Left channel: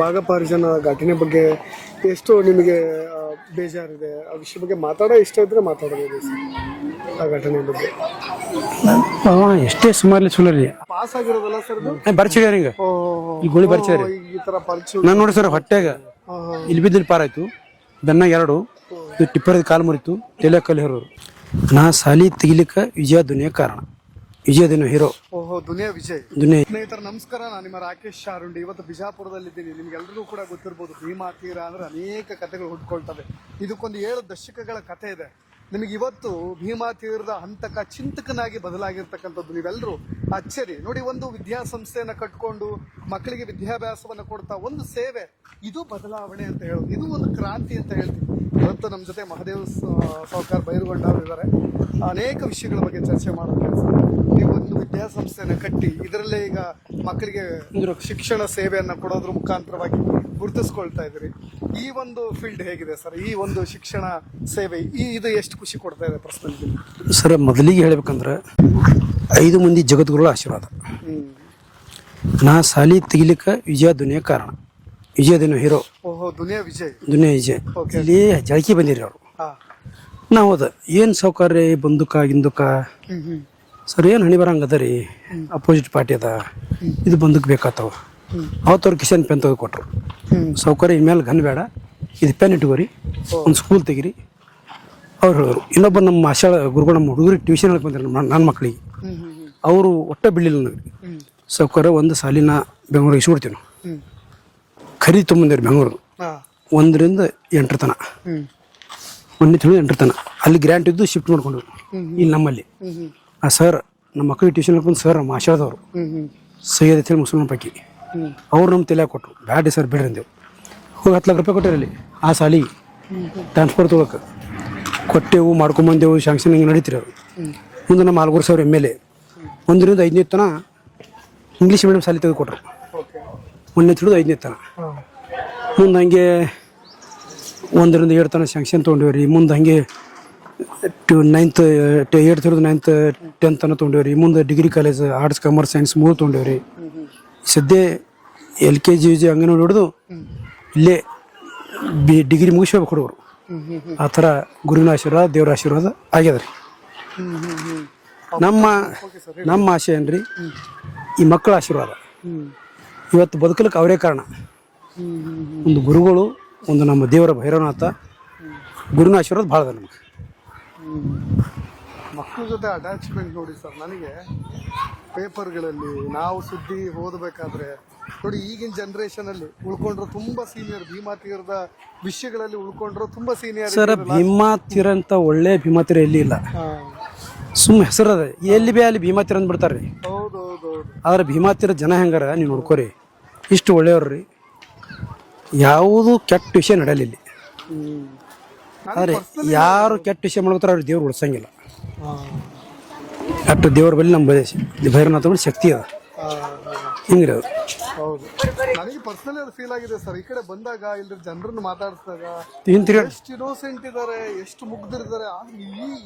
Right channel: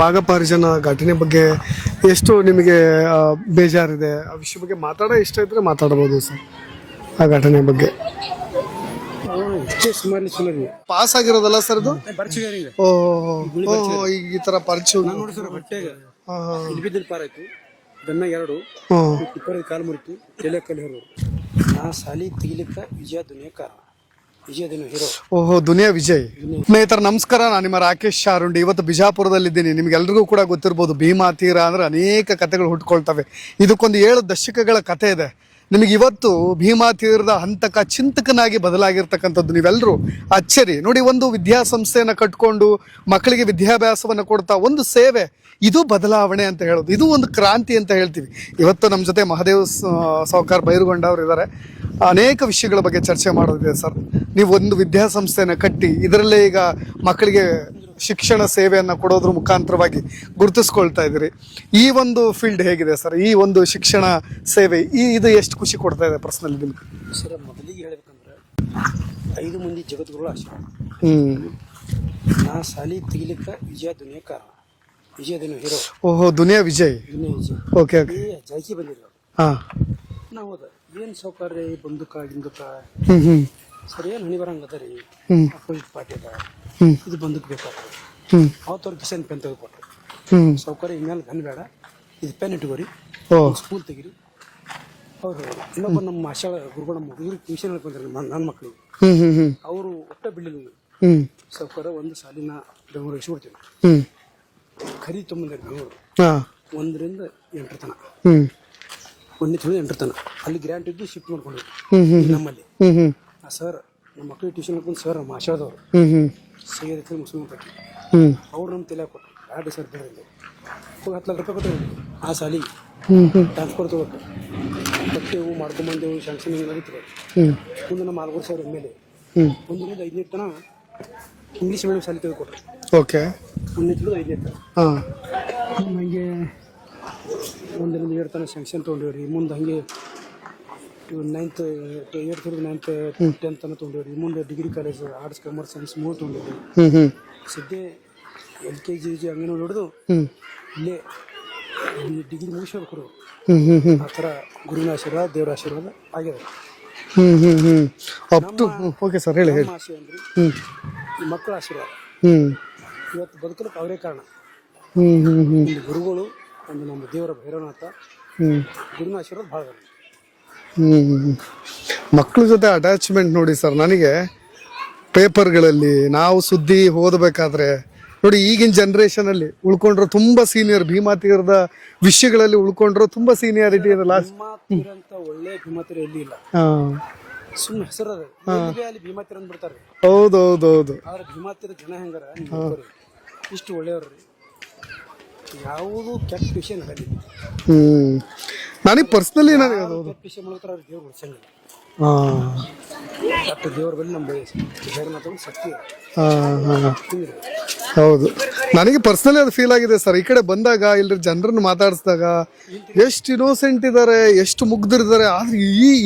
ಭಾಗಪರಿಜನ ಘಟನೆ ಬಗ್ಗೆ ಎಷ್ಟು ನಿಮಗೆ ಬೇಜಾರಿದೆ ಆ ವಿಷಯ ಬಗ್ಗೆ ಮಾತಾಡೋ ಇಷ್ಟ ಇದ್ರೆ ಮಾತಾಡ್ಬೋದು ಸರ್ ಆ ಘಟನೆ ಬಗ್ಗೆ. ಎಷ್ಟೇ ಸುಮಾರು ಚಲೋ ರೀ ಪಾಸ್ ಆಗಿರೋದಲ್ಲ ಸರ್ ಇದು ಬರ್ಚಿಡ್ಯಾರ ಈಗ ಓ ಈ ಗೋಳಿ ಬರ್ಚಿಡ್ಯಾರ. ಈ ತರ ಪರಿಚಯ ನಾನು ನೋಡಿ ಸರ್ ಹೊಟ್ಟೆಗ ಇಲ್ಲಿ ಬಿದ್ದಿಲ್ಲಿ ಪಾರಾಯ್ತು, ಬೆನ್ನಾಗ 2 ಟಿಪ್ಪರದ ಕಾಲು ಮುರಿತು, ತಲೆ ಕಲ್ಲು ಹೇರೋರು. ನಾ ಸಾಲಿ ತೆಗಿಲಿಕ್ಕ ವಿಜಯ ದುನಿಯಾ ಕಾರಣ, ವಿಜಯ ದಿನ ಹೀರೋ. ಓಹೋ ದುನಿಯಾ ವಿಜಯ್. ಸ್ನೇಹಿತರ ನಮಸ್ಕಾರ, ನಾನು ನಿಮ್ಮ ರಾಕೇಶ್ ಶಾರುಂಡಿ. ಇವತ್ತು ಬಿಜಾಪುರದಲ್ಲಿದ್ದೀನಿ. ನಿಮ್ಗೆಲ್ರಿಗೂ ಕೂಡ ಗೊತ್ತಿರ್ಬೋದು, ಭೀಮಾ ತೀರ ಅಂದ್ರೆ ಅನೇಕ ಕಥೆಗಳು ಹುಟ್ಕೊಳ್ತವೆ. ಇದಕ್ಕೊಂದು 7 ದಶಕಗಳ ಕಥೆ ಇದೆ. ನಿಮಗೆ ಇವತ್ತು ಭೀಮಾ ತೀರದ ಹಂತಕ ಚಿಂತಕನಾಗಿ ಬದಲಾಗಿರ್ತಕ್ಕಂಥದ್ದು ನೀವೆಲ್ಲರೂ ಅಚ್ಚರಿ ನೋಡಿ. ಒಂದು ವಿದ್ಯಾಸಂಸ್ಥೆಯನ್ನು ಕಟ್ಕೊಂಡು ಮಕ್ಕಳಿಗೆ ವಿದ್ಯಾಭ್ಯಾಸವನ್ನು ಕೊಡ್ತಾ ಒಂದು ಸೇವೆ, ಇದು ಬದಲಾವಣೆ ಅಂತ ಹೇಳೋದು, ಇದು ಒಂದು ಕ್ರಾಂತಿ ಅಂತ ಹೇಳ್ತೀವಿ. ಇವತ್ತು ನಮ್ಮ ಜೊತೆ ಮಹದೇವ್ ಸಾವ್ಕಾರ್ ಬೈರುಗೊಂಡ ಅವರು ಇದ್ದಾರೆ. ಅನೇಕ ವಿಷಯಗಳ ಬಗ್ಗೆ ಚರ್ಚೆ ಮಾಡೋದಿದೆ ಸರ್. ನೀವು ಒಂದು ವಿದ್ಯಾಸಂಸ್ಥೆಯನ್ನು ಕಟ್ಟಿ ಇದರಲ್ಲೇ ಈಗ ಮಕ್ಕಳಿಗೆ ಶಿಕ್ಷಣ ಸೇವೆಯನ್ನು ಕೊಡೋದ್ರ ಮುಖಾಂತರವಾಗಿ ಗುರುತಿಸ್ಕೊಳ್ತಾ ಇದ್ದೀರಿ. ಈ ಒಂದು ಫೀಲ್ಡ್ ಹೇಗಿದೆ ಸರ್? ಈ ಒಂದು ಶಿಕ್ಷಣ ಸೇವೆ ಇದು ಎಷ್ಟು ಖುಷಿ ಕೊಡ್ತಾ ಇದೆ ಪರ್ಸನಲಿ ಸರ್? ಮೊದಲಿಗೆ ಹೇಳ್ಬೇಕಂದ್ರೆ 5 ಮಂದಿ ಜಗದ್ಗುರುಗಳ ಆಶೀರ್ವಾದ. ನಾ ಸಾಲಿ ತೆಗಿಲಿಕ್ಕ ವಿಜಯ ದುನಿಯಾ ಕಾರಣ, ವಿಜಯ ದಿನ ಹೀರೋ. ಓಹೋ ದುನಿಯಾ ವಿಜಯ್. ದುನಿಯಾ ವಿಜಯ್. ಓಕೆ. ಅಲ್ಲಿ ಜಳಕಿ ಬಂದಿರಿ ಅವರು. ನಾವು ಹೋದ ಏನು ಸೌಕರ್ಯ ಬಂದುಕ ಗಿಂದುಕ ಸರ್, ಏನು ಹಣಿ ಬರಂಗದ ರೀ, ಅಪೋಸಿಟ್ ಪಾರ್ಟಿ ಅದ, ಇದು ಬಂದಕ್ ಬೇಕಾತವ್ರು. ಅವತ್ತವ್ರು ಕಿಶನ್ ಪೆನ್ ತೆಗೆದು ಕೊಟ್ರು. ಸೌಕರ್ಯ ಇನ್ಮೇಲೆ ಗನ್ ಬೇಡ, ಇದು ಪೆನ್ ಇಟ್ಕೋರಿ, ಒಂದು ಸ್ಕೂಲ್ ತೆಗಿರಿ ಅವ್ರು ಹೇಳೋರು. ಇನ್ನೊಬ್ಬ ನಮ್ಮ ಆಶಾಳ ಗುರುಗಳು ನಮ್ಮ ಹುಡುಗರಿಗೆ ಟ್ಯೂಷನ್ ಹೇಳಕ್ ಬಂದ್ರೆ ನನ್ನ ಮಕ್ಕಳಿಗೆ, ಅವರು ಒಟ್ಟ ಬಿಡ್ಲಿಲ್ಲ ನನಗೆ. ಸೌಕರ್ಯ ಒಂದು ಸಾಲಿನ ಬೆಂಗಳೂರಿಗೆ ಇಸ್ಕೊಡ್ತೀವಿ ನಾವು. ಖರೀದಿ ತೊಗೊಂಬಂದಿರಿ ಬೆಂಗಳೂರು 1ರಿಂದ 8 ತನ, 1ನೇ 8 ತನ. ಅಲ್ಲಿ ಗ್ರ್ಯಾಂಟ್ ಇದ್ದು ಶಿಫ್ಟ್ ಮಾಡ್ಕೊಂಡ್ರು ಇಲ್ಲಿ ನಮ್ಮಲ್ಲಿ. ಆ ಸರ್ ನಮ್ಮ ಮಕ್ಕಳಿಗೆ ಟ್ಯೂಷನ್ ಹೇಳ್ಕೊಂಡು ಸರ್ ನಮ್ಮ ಆಶಾದವರು ಸೈಯದ್ ಅಂತ ಹೇಳಿ ಮುಸ್ಲಿಮ್ ಪೈಕಿ ಅವ್ರು ನಮ್ಮ ತಲೆ ಕೊಟ್ಟರು. ಬ್ಯಾಡಿ ಸರ್ ಬಿಡ್ರಿ ಅಂದೇವು. ಹೋಗಿ 10 ಲಕ್ಷ ರೂಪಾಯಿ ಕೊಟ್ಟಿರಲ್ಲಿ ಆ ಸಾಲಿಗೆ ಟ್ರಾನ್ಸ್ಫರ್ ತೊಗೊಳಕ್ಕೆ ಕೊಟ್ಟೆವು, ಮಾಡ್ಕೊಂಬಂದೆವು, ಶಾಂಕ್ಷನ್ ಹಿಂಗೆ ನಡೀತಿರಿ ಅವರು. ಮುಂದೆ ನಮ್ಮ ಆಲ್ಗೂರು ಸರ್ MLA 1ರಿಂದ 5ನೇ ತನ ಇಂಗ್ಲೀಷ್ ಮೀಡಿಯಮ್ ಸಾಲಿ ತೆಗೆದುಕೊಟ್ರು. ಓಕೆ. 1ನೇ 5ನೇ ತನ. ಮುಂದೆ ಹಂಗೆ 1ರಿಂದ 7 ತನ ಶಾಂಕ್ಷನ್ ತೊಗೊಂಡಿವ್ರಿ. ಮುಂದೆ ಹಂಗೆ 9th 8th 9th 10th ತನ ತೊಗೊಂಡಿವ್ರಿ. ಮುಂದೆ degree college arts commerce science 3 ತೊಗೊಂಡಿವ್ರಿ. ಸದ್ಯ LKG UG ಅಂಗನವಾಡಿ ಹೊಡೆದು ಇಲ್ಲೇ ಡಿಗ್ರಿ ಮುಗಿಸ್ಬೇಕು ಹುಡುಗರು. ಆ ಥರ ಗುರುವಿನ ಆಶೀರ್ವಾದ, ದೇವರ ಆಶೀರ್ವಾದ ಆಗ್ಯದ ರೀ. ನಮ್ಮ ಆಶೆ ಏನ್ರಿ, ಈ ಮಕ್ಕಳ ಆಶೀರ್ವಾದ. ಇವತ್ತು ಬದುಕಲಿಕ್ಕೆ ಅವರೇ ಕಾರಣ. ಒಂದು ಗುರುಗಳು, ಒಂದು ನಮ್ಮ ದೇವರ ಭೈರವನಾಥ, ಗುರುವಿನ ಆಶೀರ್ವಾದ ಭಾಳ ಅದ ನಮಗೆ. ಮಕ್ಕಳ ಜೊತೆ ಅಟ್ಯಾಚ್ಮೆಂಟ್ ನೋಡಿ ಸರ್. ನನಗೆ ಪೇಪರ್ಗಳಲ್ಲಿ ನಾವು ಸುದ್ದಿ ಓದಬೇಕಾದ್ರೆ ನೋಡಿ, ಈಗಿನ ಜನ್ರೇಷನಲ್ಲಿ ಉಳ್ಕೊಂಡ್ರು ತುಂಬ ಸೀನಿಯರ್, ಭೀಮಾ ತೀರದ ವಿಷಯಗಳಲ್ಲಿ ಉಳ್ಕೊಂಡ್ರು ತುಂಬ ಸೀನಿಯರ್. ಭೀಮಾ ತೀರ ಅಂತ ಒಳ್ಳೆ ಭೀಮಾ ತೀರ ಎಲ್ಲಿ ಇಲ್ಲ, ಸುಮ್ಮ ಹೆಸರು ಅದ. ಎಲ್ಲಿ ಬಿ ಅಲ್ಲಿ ಭೀಮಾ ತೀರ ಅಂದ್ಬಿಡ್ತಾರ್ರಿ. ಹೌದೌದೌದು. ಆದ್ರೆ ಭೀಮಾ ತೀರ ಜನ ಹೆಂಗಾರ ನೀವು ನೋಡ್ಕೋರಿ, ಇಷ್ಟು ಒಳ್ಳೆಯವ್ರಿ. ಯಾವುದು ಕೆಟ್ಟ ವಿಷಯ ನಡೆಯಲ್ಲ ಇಲ್ಲಿ. ನನಗೆ ಪರ್ಸನಲಿ ಯಾರು ಕೆಟ್ಟ ವಿಷಯ ಮಾಡ್ತಾರೆ ಅವ್ರಿಗೆ ದೇವ್ರು ಉಳಿಸಂಗಿಲ್ಲ. ಅಷ್ಟು ದೇವ್ರ ಬಳಿ ನಮ್ಮ ಭೈರವನಾಥ ಬಳಿ ಶಕ್ತಿ ಅದ. ಹಿಂಗ್ರಿ ಅದು. ಹೌದು. ನನಗೆ ಪರ್ಸನಲಿ ಅದು ಫೀಲ್ ಆಗಿದೆ ಸರ್. ಈ ಕಡೆ ಬಂದಾಗ ಇಲ್ಲರ ಜನರನ್ನು ಮಾತಾಡಿಸಿದಾಗ ಎಷ್ಟು ಇನ್ನೋಸೆಂಟ್ ಇದ್ದಾರೆ, ಎಷ್ಟು ಮುಗ್ದಿರಿದ್ದಾರೆ. ಆದ್ರೆ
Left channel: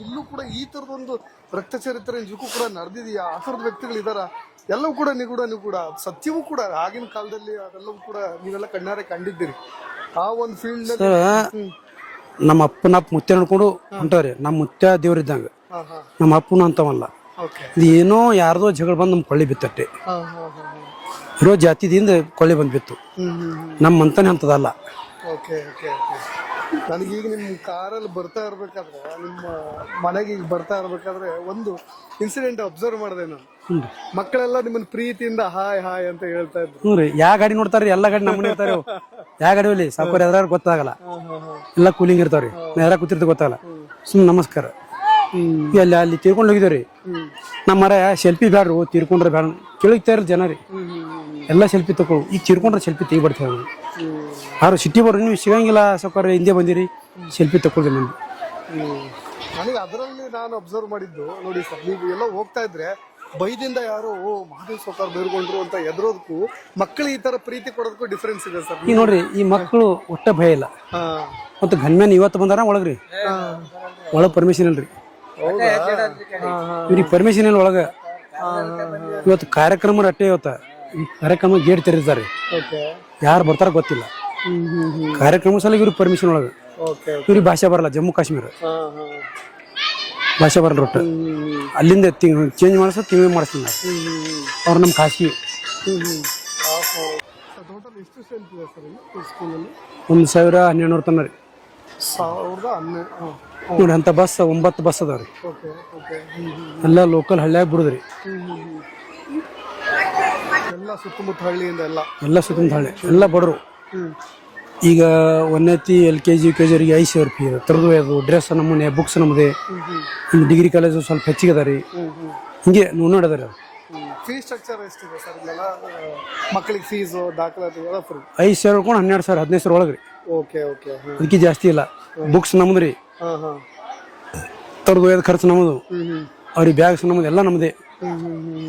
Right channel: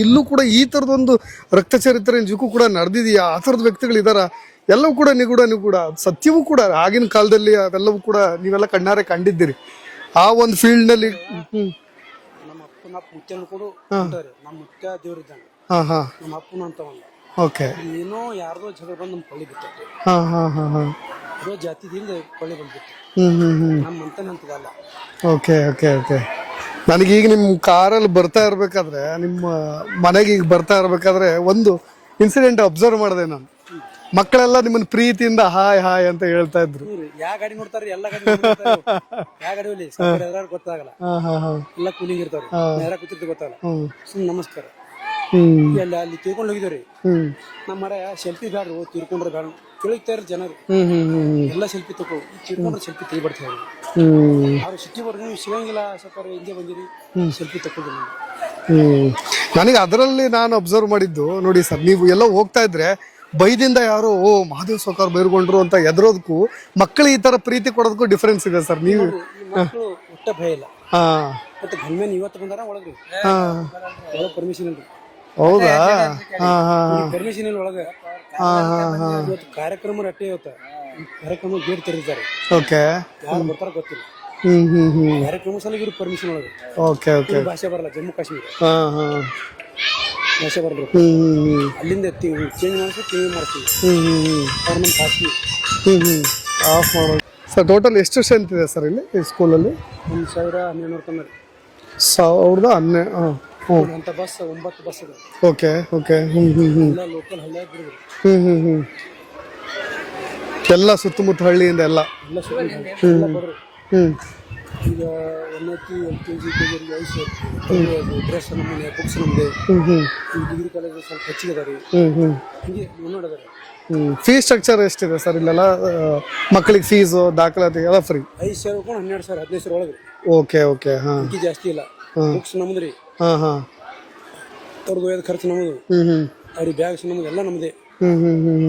ಇಲ್ಲೂ ಕೂಡ ಈ ಥರದೊಂದು ರಕ್ತ ಚರಿತ್ರೆ ನಿಜಕ್ಕೂ ಕೂಡ ನಡೆದಿದೆಯಾ? ಆ ಥರದ ವ್ಯಕ್ತಿಗಳಿದಾರ. ಎಲ್ಲವೂ ಕೂಡ ನಿಗೂಢ ಸತ್ಯವೂ ಕೂಡ ಆಗಿನ ಕಾಲದಲ್ಲಿ ಅವೆಲ್ಲವೂ ಕೂಡ ನೀವೆಲ್ಲ ಕಣ್ಣಾರೆ ಕಂಡಿದ್ದೀರಿ. ಆ ಒಂದು ಫೀಲ್ಡ್ ನಲ್ಲಿ ನಮ್ಮ ಅಪ್ಪನ ಮುತ್ಯ ನೋಡ್ಕೊಂಡು ಹೊಂಟಾರೆ. ನಮ್ಮ ಮುತ್ಯ ದೇವ್ರಿದ್ದಂಗ, ನಮ್ಮ ಅಪ್ಪನ ಅಂತವಲ್ಲ. ಏನೋ ಯಾರ್ದೋ ಜಗಳ ಬಂದು ನಮ್ ಕೊಳ್ಳಿ ಬಿತ್ತಟ್ಟೆ, ಇರೋ ಜಾತಿದಿಂದ ಕೊಳ್ಳಿ ಬಂದ್ ಬಿತ್ತು. ನಮ್ಮ ಅಂತಾನೆ ಅಂತದಲ್ಲ. Okay okay okay. ನನಗೀಗ ನಿಮ್ಮ ಕಾರಲ್ಲಿ ಬರ್ತಾ ಇರ್ಬೇಕಾದ್ರೆ, ನಿಮ್ಮ ಮನೆಗೆ ಈಗ ಬರ್ತಾ ಇರ್ಬೇಕಾದ್ರೆ ಒಂದು ಇನ್ಸಿಡೆಂಟ್ ಅಬ್ಸರ್ವ್ ಮಾಡಿದೆ ನಾನು. ಮಕ್ಕಳೆಲ್ಲ ನಿಮ್ಮನ್ನ ಪ್ರೀತಿಯಿಂದ ಹಾಯ್ ಹಾಯ್ ಅಂತ ಹೇಳ್ತಾ ಇದ್ರು. ಯಾವ ಗಾಡಿ ನೋಡ್ತಾರ್ರಿ? ಎಲ್ಲ ಗಾಡಿ ಯಾವ ಗಾಡಿ ಹೋಗ್ಲಿ ಸಾಕೋರಿ ಅದ್ರ ಗೊತ್ತಾಗಲ್ಲ. ಎಲ್ಲ ಕೂಲಿಂಗ್ ಇರ್ತಾವ್ರಿ, ಯಾರ ಕೂತಿರ್ತ ಗೊತ್ತಾಗಲ್ಲ. ಸುಮ್ ನಮಸ್ಕಾರ. ಅಲ್ಲಿ ತೀರ್ಕೊಂಡು ಹೋಗಿದ್ರಿ. ನಮ್ಮ ಮರ ಸೆಲ್ಫಿ ಬ್ಯಾಡ್ರು, ತೀರ್ಕೊಂಡ್ರೆ ಬ್ಯಾಡ ಕೇಳಿಗ್ತಾ ಇರ ಜನ ರೀ. ಎಲ್ಲ ಸೆಲ್ಫಿ ತಗೋ, ಈಗ ತೀರ್ಕೊಂಡ್ರೆ ಸೆಲ್ಫಿ ತೆಗಿಬರ್ತೇವೆ. ಯಾರು ಸಿಟಿ ಬರ್ರಿ, ನೀವು ಸಿಗಂಗಿಲ್ಲ ಸೌಕರ್ಯ, ಹಿಂದೆ ಬಂದಿರಿ, ಸೆಲ್ಫಿ ತಗೊಳ್ರಿ ನಮ್ಗೆ. ನನಗೆ ಅದರಲ್ಲಿ ನಾನು ಅಬ್ಸರ್ವ್ ಮಾಡಿದ್ದು ನೋಡಿ ಸರ್, ನೀವು ಎಲ್ಲ ಹೋಗ್ತಾ ಇದ್ರೆ ಬೈದಿಂದ ಯಾರು ಮಹಾದೇವ್ ಸಾವ್ಕಾರ್ ಬೈರ್ಗೊಂಡ್ರು ಅಂತ ಎದರೋದಕ್ಕೂ ಮಕ್ಕಳು ಈ ತರ ಪ್ರೀತಿ ಕೊಡೋದಕ್ಕೂ ಡಿಫ್ರೆನ್ಸ್ ಇದೆ ಸರ್. ನೀವು ನೋಡ್ರಿ, ಈ ಮಕ್ಕಳು ಒಟ್ಟ ಭಯ ಇಲ್ಲ. ಮತ್ತೆ ಗನ್ಮ್ಯಾನ್ ಇವತ್ತು ಬಂದಾರ ಒಳಗ್ರಿ, ಒಳಗ್ ಪರ್ಮಿಷನ್ ಇಲ್ರಿ. ಹೌದಾ? ಪರ್ಮಿಷನ್ ಇಲ್ಲ ಒಳಗ. ಇವತ್ತು ಕಾರ್ಯಕ್ರಮ ಅಟ್ಟೆ ಇವತ್ತ ಈ ಕಾರ್ಯಕ್ರಮ ಗೇಟ್ ತೆರೆದಿದ್ದಾರೆ. ಓಕೆ. ಯಾರು ಬರ್ತಾರ ಗೊತ್ತಿಲ್ಲ. ಕಾರ್ಯಕ್ರಮ ಸಲ ಇವ್ರಿಗೆ ಪರ್ಮಿಷನ್ ಒಳಗೆ. ಓಕೆ. ಇವ್ರಿಗೆ ಭಾಷೆ ಬರಲ್ಲ. ಜಮ್ಮು ಕಾಶ್ಮೀರ ಭಾಷೆ ಬರಲ್ಲ ಒಟ್ಟು. ಅಲ್ಲಿಂದ ಚೇಂಜ್ ಮಾಡಿಸ್ ತಿಂಗಳು ಮಾಡಿಸ್ತೀನಿ ಅವ್ರು ನಮ್ಮ ಕಾಶ್ಮೀರ್. ಆಫ್ ಮಾಡೋದು ಸರ್. ಟೋಟಲ್ ಎಷ್ಟು ಸ್ಟ್ರೆಂತ್ ಇದೆ ಸರ್ ಇಲ್ಲಿ ಈ ಸ್ಕೂಲಲ್ಲಿ? 1100 ತನ ರೀ. 1100. ನೋಡಿ ಅಂತ ಬಸ್ 9 ಬಸ್ ಅದಾವ್ರಿ. ಓಕೆ. ಓಕೆ. ಎಲ್ಲ ಲೋಕಲ್ ಹಳ್ಳಿಯಾಗ ಬಿಡುದ್ರಿ. ಎಲ್ಲ ಸುತ್ತಮುತ್ತ ಹಳ್ಳಿಯಿಂದ ಎಲ್ಲ ಸುತ್ತಮುತ್ತ ಹಳ್ಳಿ ಎಲ್ಲ ಬಡರು. ಈಗ 1ನೇ LKG UKG ಅವರಿಗೆ 5,000 ರೂಪಾಯಿ ತರಬೇದು, ಡ್ರೆಸ್ ನಮೂನೆ, ಬುಕ್ಸ್ ನಮ್ಮದೇ. ಡಿಗ್ರಿ ಕಾಲೇಜು ಸ್ವಲ್ಪ ಹೆಚ್ಚಿಗೆ ಅದ ರೀ. ಹಿಂಗೆ ನೋಡದಾರೆ. ಫೀಸ್ ಸ್ಟ್ರಕ್ಚರ್ ಎಷ್ಟಿದೆ ಸರ್ ಇಲ್ಲೆಲ್ಲ? ಮಕ್ಕಳಿಗೆ ಫೀಸು ದಾಖಲಾತಿ ಎಲ್ಲ ಫ್ರೀ? 5,000 ಹಿಡ್ಕೊಂಡು 12,000 15,000 ಒಳಗೆ ರೀ. ಓಕೆ. ಓಕೆ. ಅದಕ್ಕೆ ಜಾಸ್ತಿ ಇಲ್ಲ. ಬುಕ್ಸ್ ನಮ್ದು ರೀ. ತರದು ಒಯ್ದು ಖರ್ಚು ನಮ್ಮದು. ಅವ್ರಿಗೆ ಬ್ಯಾಗ್ಸ್ ನಮ್ಮದು ಎಲ್ಲ ನಮ್ಮದೇ.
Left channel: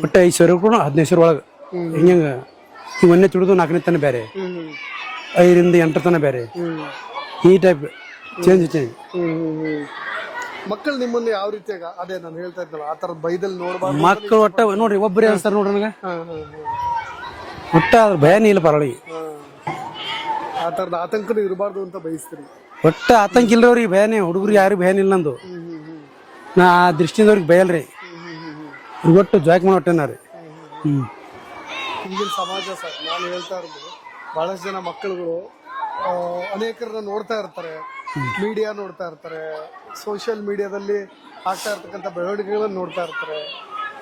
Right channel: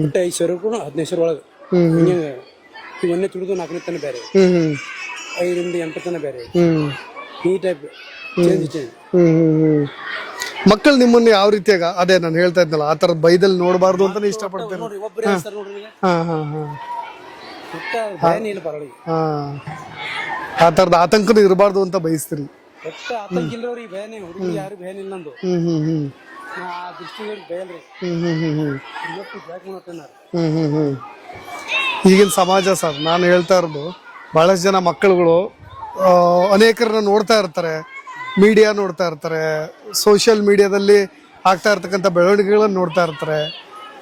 ಒಟ್ಟು 5,000 ಹಿಡ್ಕೊಂಡು 15,000 ಒಳಗೆ. ಹಿಂಗೆ ಈ 1ನೇ ತಿಳಿದು 4ನೇ ತನ ಬೇರೆ, 5ರಿಂದ 8 ತನ ಬೇರೆ. ಈ ಟೈಪ್ ಚೇಂಜ್. ಮಕ್ಕಳು ನಿಮ್ಮನ್ನ ಯಾವ ರೀತಿಯಾಗ ಅದೇ ನಾನು ಹೇಳ್ತಾ ಇದ್ನಲ್ಲ ಆ ಥರದ ಬೈದಲ್ಲಿ ನೋಡಬಾರ್ದು. ಮಕ್ಕಳು ಒಟ್ಟ ನೋಡ್ರಿ ಒಬ್ಬರೇ ಅನ್ಸ್ತಾರೆ ನೋಡ್ರಿ ನನಗೆ. ಒಟ್ಟ ಅದ್ರ ಭಯನೇ ಇಲ್ಲ ಪರಳಿಗೆ. ಆ ಥರದ ಆತಂಕನೂ ಇರಬಾರ್ದು ಅಂತ ಬಯಸ್ತೀರಿ? ಒಟ್ಟ ಆತಂಕ ಇಲ್ರವ್ರಿಗೆ ಭಯನೇ. ಹುಡುಗರಿಗೆ ಯಾರಿಗೆ ಭಯನೇ ಇಲ್ಲ ನಂದು. ನಾ ಆ ದೃಷ್ಟಿಯಿಂದ ಅವ್ರಿಗೆ ಭಯಲ್ರಿ. ಒಟ್ಟು ಜಾಕ್ ಮಾಡಿ ಹೊಟ್ಟೆನ ರೀ. ಈಗಿನ ಸಮಾಜ ಸರ್ ನಾನು ಹೇಳ್ತಾ ಇರೋದು, ಬಹಳಷ್ಟು ಜನ ಮಕ್ಕಳುಗಳು ಅನೇಕರನ್ನ ನೋಡ್ತಾ ಇರ್ತಾರೆ, ಮೀಡಿಯಾ ನೋಡ್ತಾ ಇರ್ತಾರೆ, ಸೋಷಿಯಲ್ ಮೀಡಿಯಾದಲ್ಲಿ ಆಗ್ತಾ ಇರ್ತಕ್ಕಂಥ ಬೆಳವಣಿಗೆಗಳನ್ನ ನೋಡ್ತಾ ಇರ್ತಾರೆ.